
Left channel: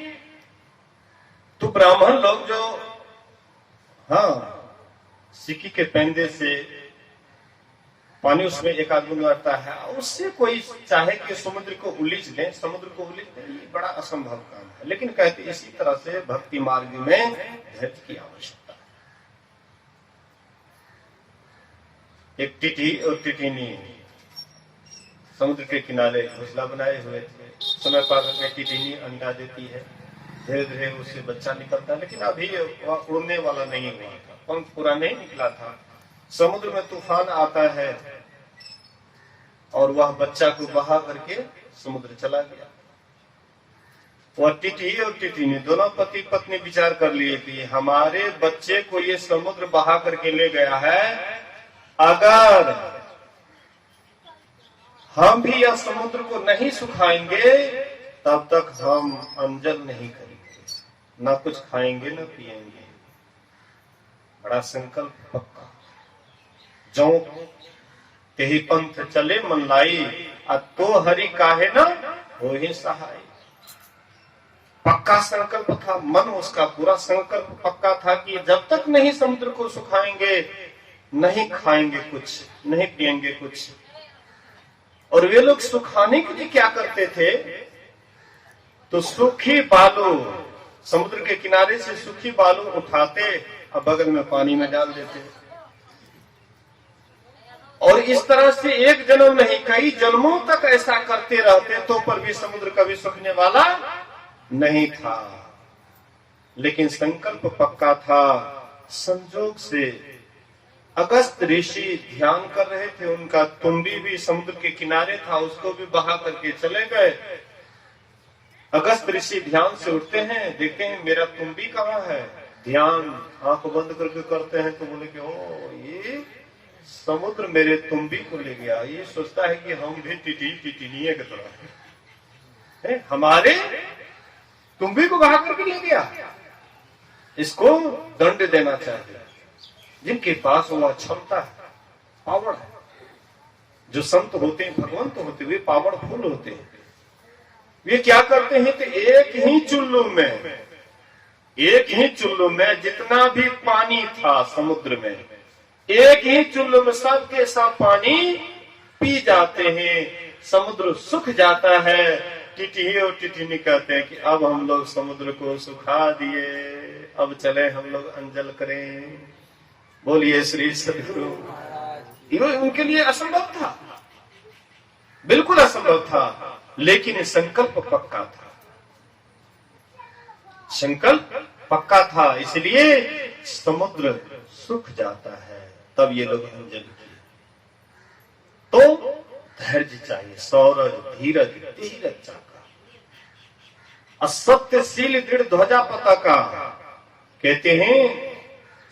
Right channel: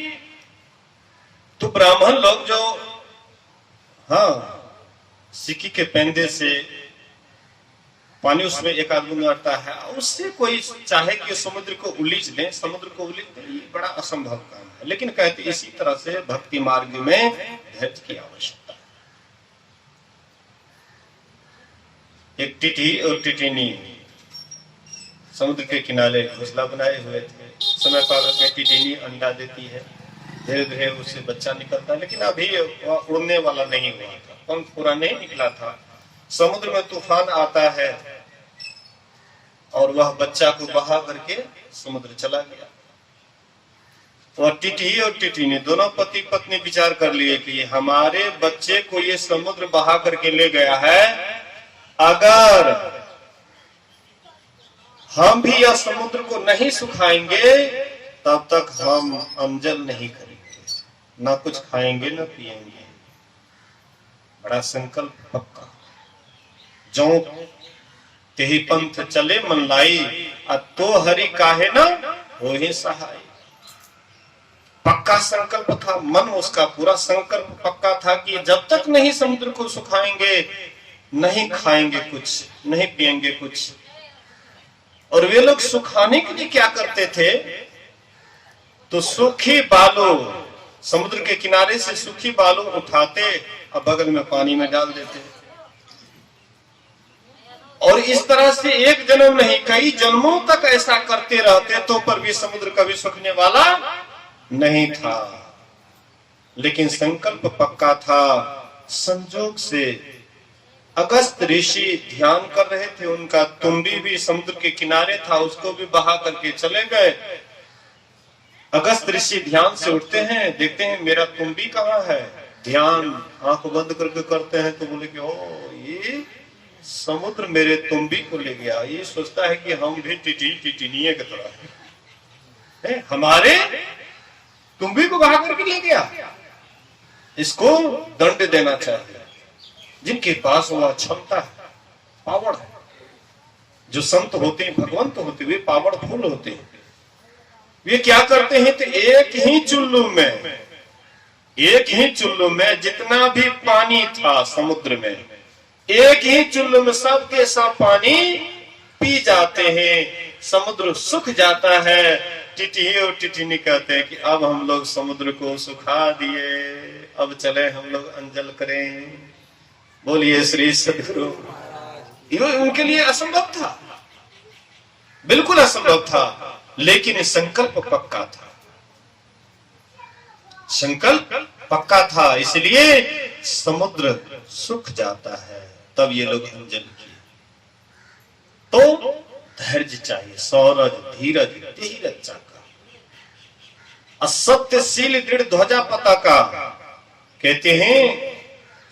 तो ब्राह्मण लोग जो सिक्की के पेंदे से पानी उसमें एक आध बूंद आता है, उससे कोई चाहे कि समुद्र को उलीच दे, समुद्र को उलीच दे, ये बड़ा असंभव काम है। लेकिन कहते इसी तरह से भक्ति मार्ग में धैर्य की आवश्यकता है। एक टिटी और टिटिनी समुद्र के किनारे घोंसला बनाए हुए थे। समय पार में टिटिनी अंडा देती है, धीरे धीरे उससे बच्चा निकलता है, लेकिन अभी वह उड़ने वाला नहीं हुआ था, पंख पूरा नहीं निकला था। समुद्र में तूफान आता है और वह बच्चा को बहा करके समुद्र चला गया। वह टिटी और टिटिनी दोनों पति पत्नी विचार कर लिए कि हमारे बच्चे को ये समुद्र बहा करके ले गया है, अगर हम भी यह समुद्र को नहीं सुखाएंगे तब तक हम अंजल नहीं करेंगे, ना कुछ खाएंगे ना पिएंगे। बड़ा संकल्प पक्का। जो तेहि पंथ चले मन लाई, तो हरि काहे ना हो ही सहाय। पक्का संकल्प था, मन उसका पूरा संकल्प पक्का था कि जब तक नहीं समुद्र को सुखाएंगे, नहीं खाएंगे कुछ, नहीं पिएंगे कुछ। और वे लोग सुखाने के लिए क्या करते थे? तो सूखी बालू, समुद्र के किनारे से सूखी बालू उठाते और बगल में पानी में डाल देते। और इस तरह से एक जन्म नहीं कई जन्मों तक ऐसा करते रहते, तो पर भी समुद्र कभी सूखने वाला नहीं था। लेकिन संकल्प पक्का था। संजोग से अगस्त ऋषि ध्यान कर रहे थे, उनका तुम्बी भी समुद्र के किनारे था, उसको भी बहा करके चले गए। अगस्त ऋषि ध्यान से उठते हैं, देखते हैं मेरा तुम्बी कहाँ है। ध्यान आंख बंद करके करते हैं तो बोले कि ओ ये समुद्र मेरे तुम्बी को ले गया। ये सोचता है कि हम भी टिटिनिये की तरह है, हमारे तुम्बी को बहा करके ले गया, इसको दंड देना चाहिए। जिनके पास वह क्षमता है, पावर है, जो संत होते हैं, भगवंत होते, वे पावरफुल होते हैं। वे क्या करते हैं? तो एक ही चुल्लू में जितना भी पानी था समुद्र में, एक ही चुल्लू में सबके सब पानी पी जाते हैं, समुद्र सूख जाता है। टिटी और टिटिनी कहते हैं कि अब हम लोग समुद्र को सुखा दिए, अब चले हम लोग अंजल करें। बोलिए श्री सद्गुरु। उनके लिए असंभव था, बिल्कुल असंभव था, लेकिन संकल्प पक्का था। संकल्प पक्का था, इसलिए समुद्र सूख जाता है, तब ये लोग अंजल किए। तो धैर्य चाहिए, सौरज धीरज धीरज चाका, असत्यशील दृढ़ ध्वजा पताका। कहते हैं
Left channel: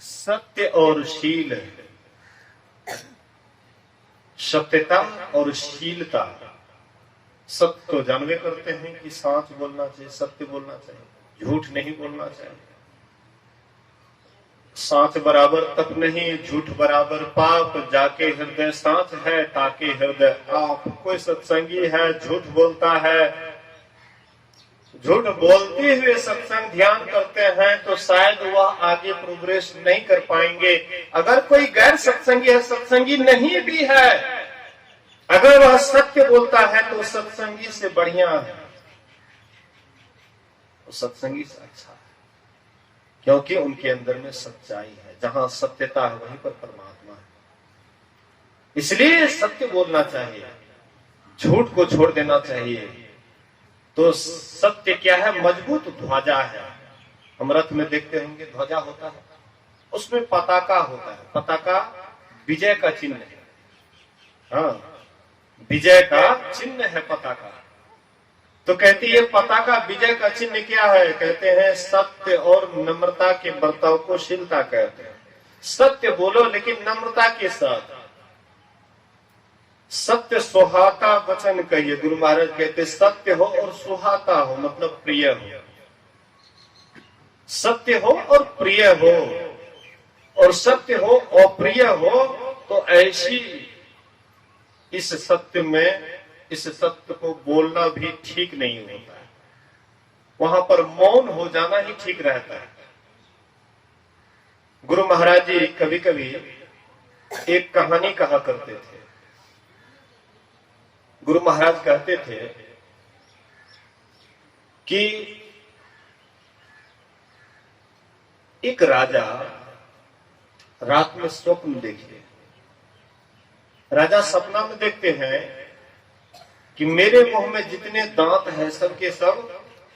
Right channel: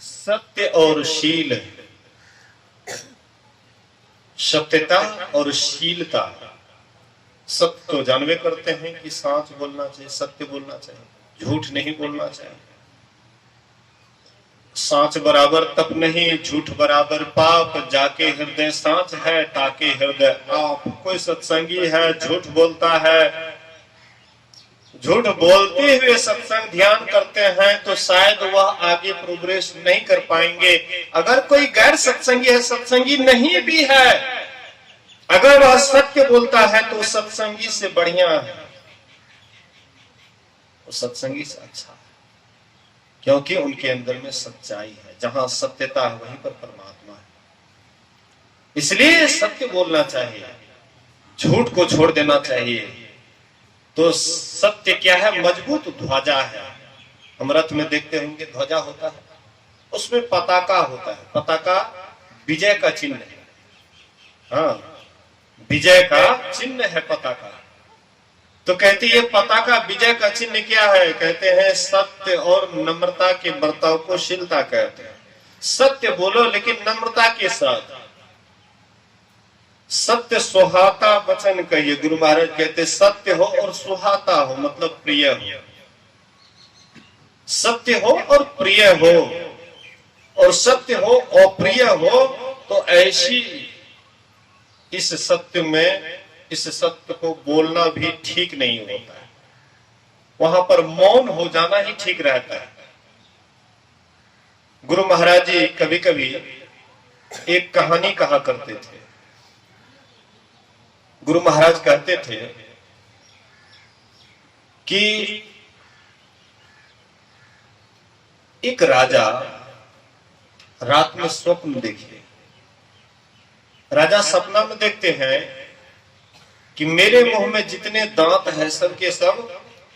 सत्य और शील, सत्यता और शीलता। सत्य तो जानवे करते हैं कि सच बोलना चाहिए, सत्य बोलना चाहिए, झूठ नहीं बोलना चाहिए। सांच बराबर तप नहीं, झूठ बराबर पाप, जाके हृदय सांच है ताके हृदय आप। कोई सत्संगी है झूठ बोलता है, झूठ बोलते हुए सत्संग ध्यान करते हैं तो शायद वह आगे प्रोग्रेस नहीं कर पाएंगे। अगर कोई गैर सत्संगी है, सत्संगी नहीं भी है, अगर वह सत्य बोलता है तो सत्संगी से बढ़िया है, वो सत्संगी से अच्छा है, क्योंकि उनके अंदर में सच्चाई है। जहां सत्यता है वहीं पर परमात्मा है। इसलिए सत्य बोलना चाहिए, झूठ को छोड़ देना चाहिए। तो सत्य क्या है? मजबूत ध्वजा है। हम रथ में देखते होंगे ध्वजा होता है, उसमें पताका होता है। पताका विजय का चिन्ह है। हाँ, विजय का चिन्ह है पताका। तो कहती है पताका विजय का चिन्ह क्या है? कहते हैं सत्य और नम्रता के बर्ताव को शीलता कहते हैं। सत्य बोलो लेकिन नम्रता के साथ। सत्य सुहाता वचन कहिए। गुरु महाराज कहते सत्य हो और सुहाता हो, मतलब प्रिय हो। सत्य हो और प्रिय हो, और सत्य हो और प्रिय हो तो ऐसी इस सत्य में, इस सत्य को बोलना भी ठीक नहीं होता है। वहां पर मौन हो जाना ही ठीक रहता है। गुरु महाराज जी कभी कभी एक कहानी कहा करते थे। गुरु महाराज कहते थे कि एक राजा रात में स्वप्न देखे। राजा सपना में देखते हैं कि मेरे मुंह में जितने दांत हैं सब के सब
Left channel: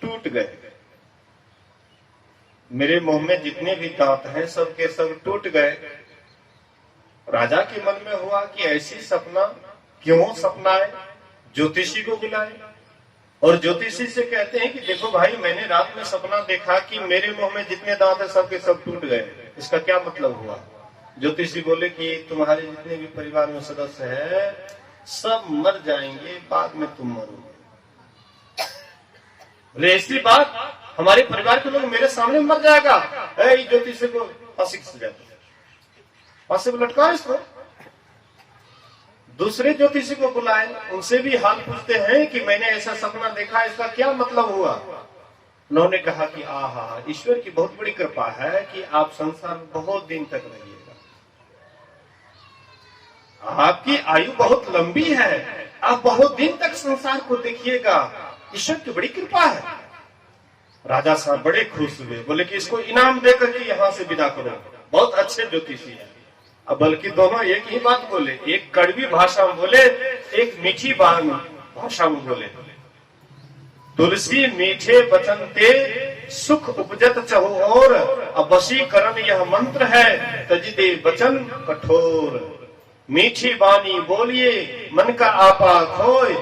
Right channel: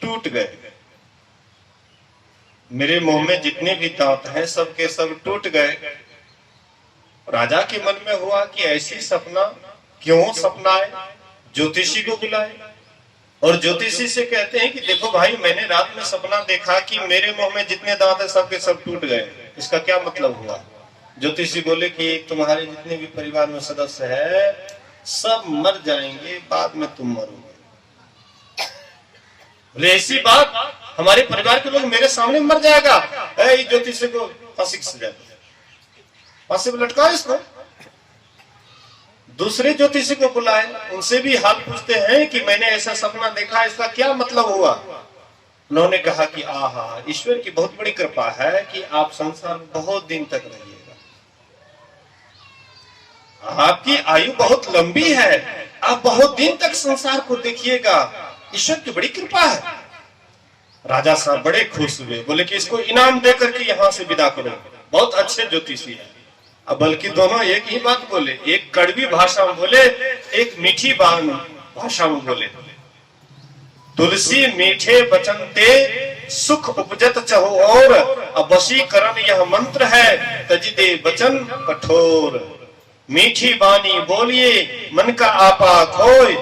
टूट गए। मेरे मुंह में जितने भी दांत हैं सब के सब टूट गए। राजा के मन में हुआ कि ऐसी सपना क्यों सपना है। ज्योतिषी को बुलाए और ज्योतिषी से कहते हैं कि देखो भाई, मैंने रात में सपना देखा कि मेरे मुंह में जितने दांत हैं सब के सब टूट गए, इसका क्या मतलब हुआ। ज्योतिषी बोले कि तुम्हारे जितने भी परिवार में सदस्य है सब मर जाएंगे, बाद में तुम मरोगे। बोले ऐसी बात, हमारे परिवार के लोग मेरे सामने मर जाएगा। ज्योतिषी को फांसी की सजा, फांसी पर लटका इसको। दूसरे ज्योतिषी को बुलाए, उनसे भी हाल पूछते हैं कि मैंने ऐसा सपना देखा, इसका क्या मतलब हुआ। उन्होंने कहा कि आहा, ईश्वर की बहुत बड़ी कृपा है कि आप संसार में बहुत दिन तक रहिएगा, आपकी आयु बहुत लंबी है, आप बहुत दिन तक संसार को देखिएगा, ईश्वर की बड़ी कृपा है। राजा साहब बड़े खुश हुए, बोले कि इसको इनाम देकर के यहां से विदा करो, बहुत अच्छे ज्योतिषी है। अब बल्कि दोनों एक ही बात बोले, एक कड़वी भाषा में बोले, एक मीठी भाषा में बोले। तुलसी मीठे बचन ते सुख उपजत चहो और, अब वशीकरण यह मंत्र है तजी दे वचन कठोर। मीठी बानी बोलिए मन का आपा खोए,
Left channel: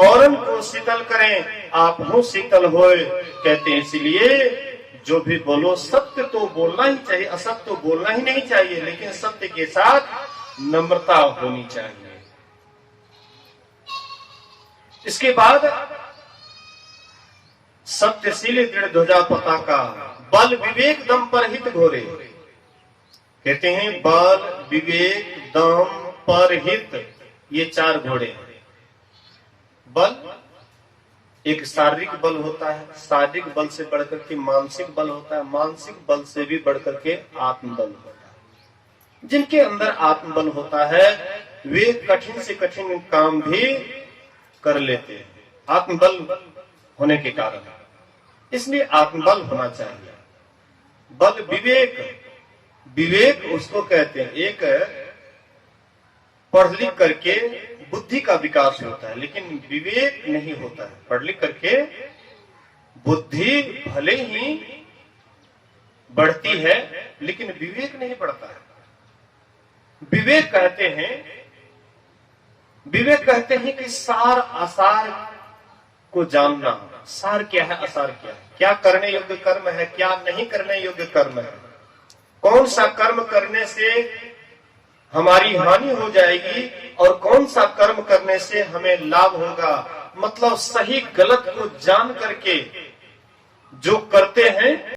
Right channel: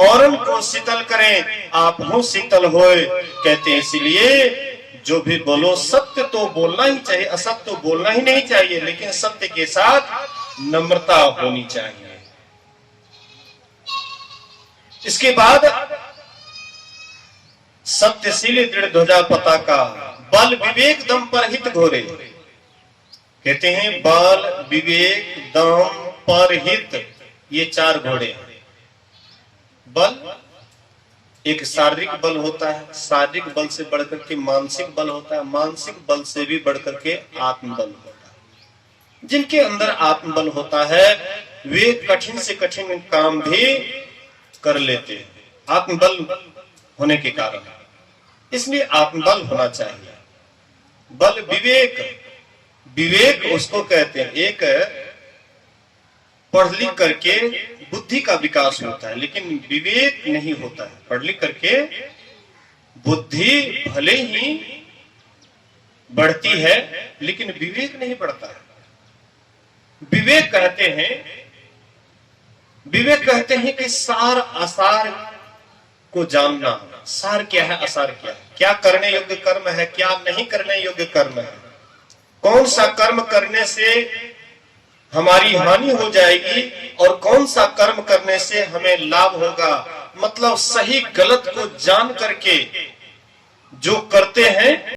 औरन को शीतल करें आप हो शीतल होए। कहते हैं इसलिए जो भी बोलो सत्य तो बोलना ही चाहिए, असत्य तो बोलना ही नहीं चाहिए, लेकिन सत्य के साथ नम्रता होनी चाहिए। इसके बाद सत्यशील दृढ़ ध्वजा पताका, बल विवेक दम पर हित घोरे। कहते हैं बल विवेक दम पर हित, ये चार घोड़े हैं। बल एक शारीरिक बल होता है, शारीरिक बल से बढ़कर के मानसिक बल होता है, मानसिक बल से भी बढ़कर के आत्मबल होता है। जिनके अंदर आत्मबल होता है वे कठिन से कठिन काम भी कर लेते हैं, आत्मबल होने के कारण। इसलिए आत्मबल होना चाहिए। बल विवेक, विवेक उसको कहते हैं, एक पढ़ लिख करके बुद्धि का विकास होता है, लेकिन विवेक नहीं होता है। पढ़ लिख करके बुद्धि भले ही बढ़ती है लेकिन विवेक नहीं बढ़ता है। विवेक कहते हैं कि सार आसार को जानना। सार क्या है, आसार क्या है, क्या करने योग्य कर्म है, क्या नहीं करने योग्य कर्म है, कौन सा कर्म करने से हमारी हानि हो जाएगी और कौन सा कर्म करने से हमें लाभ होगा। मतलब सही गलत को जान करके जो करते हैं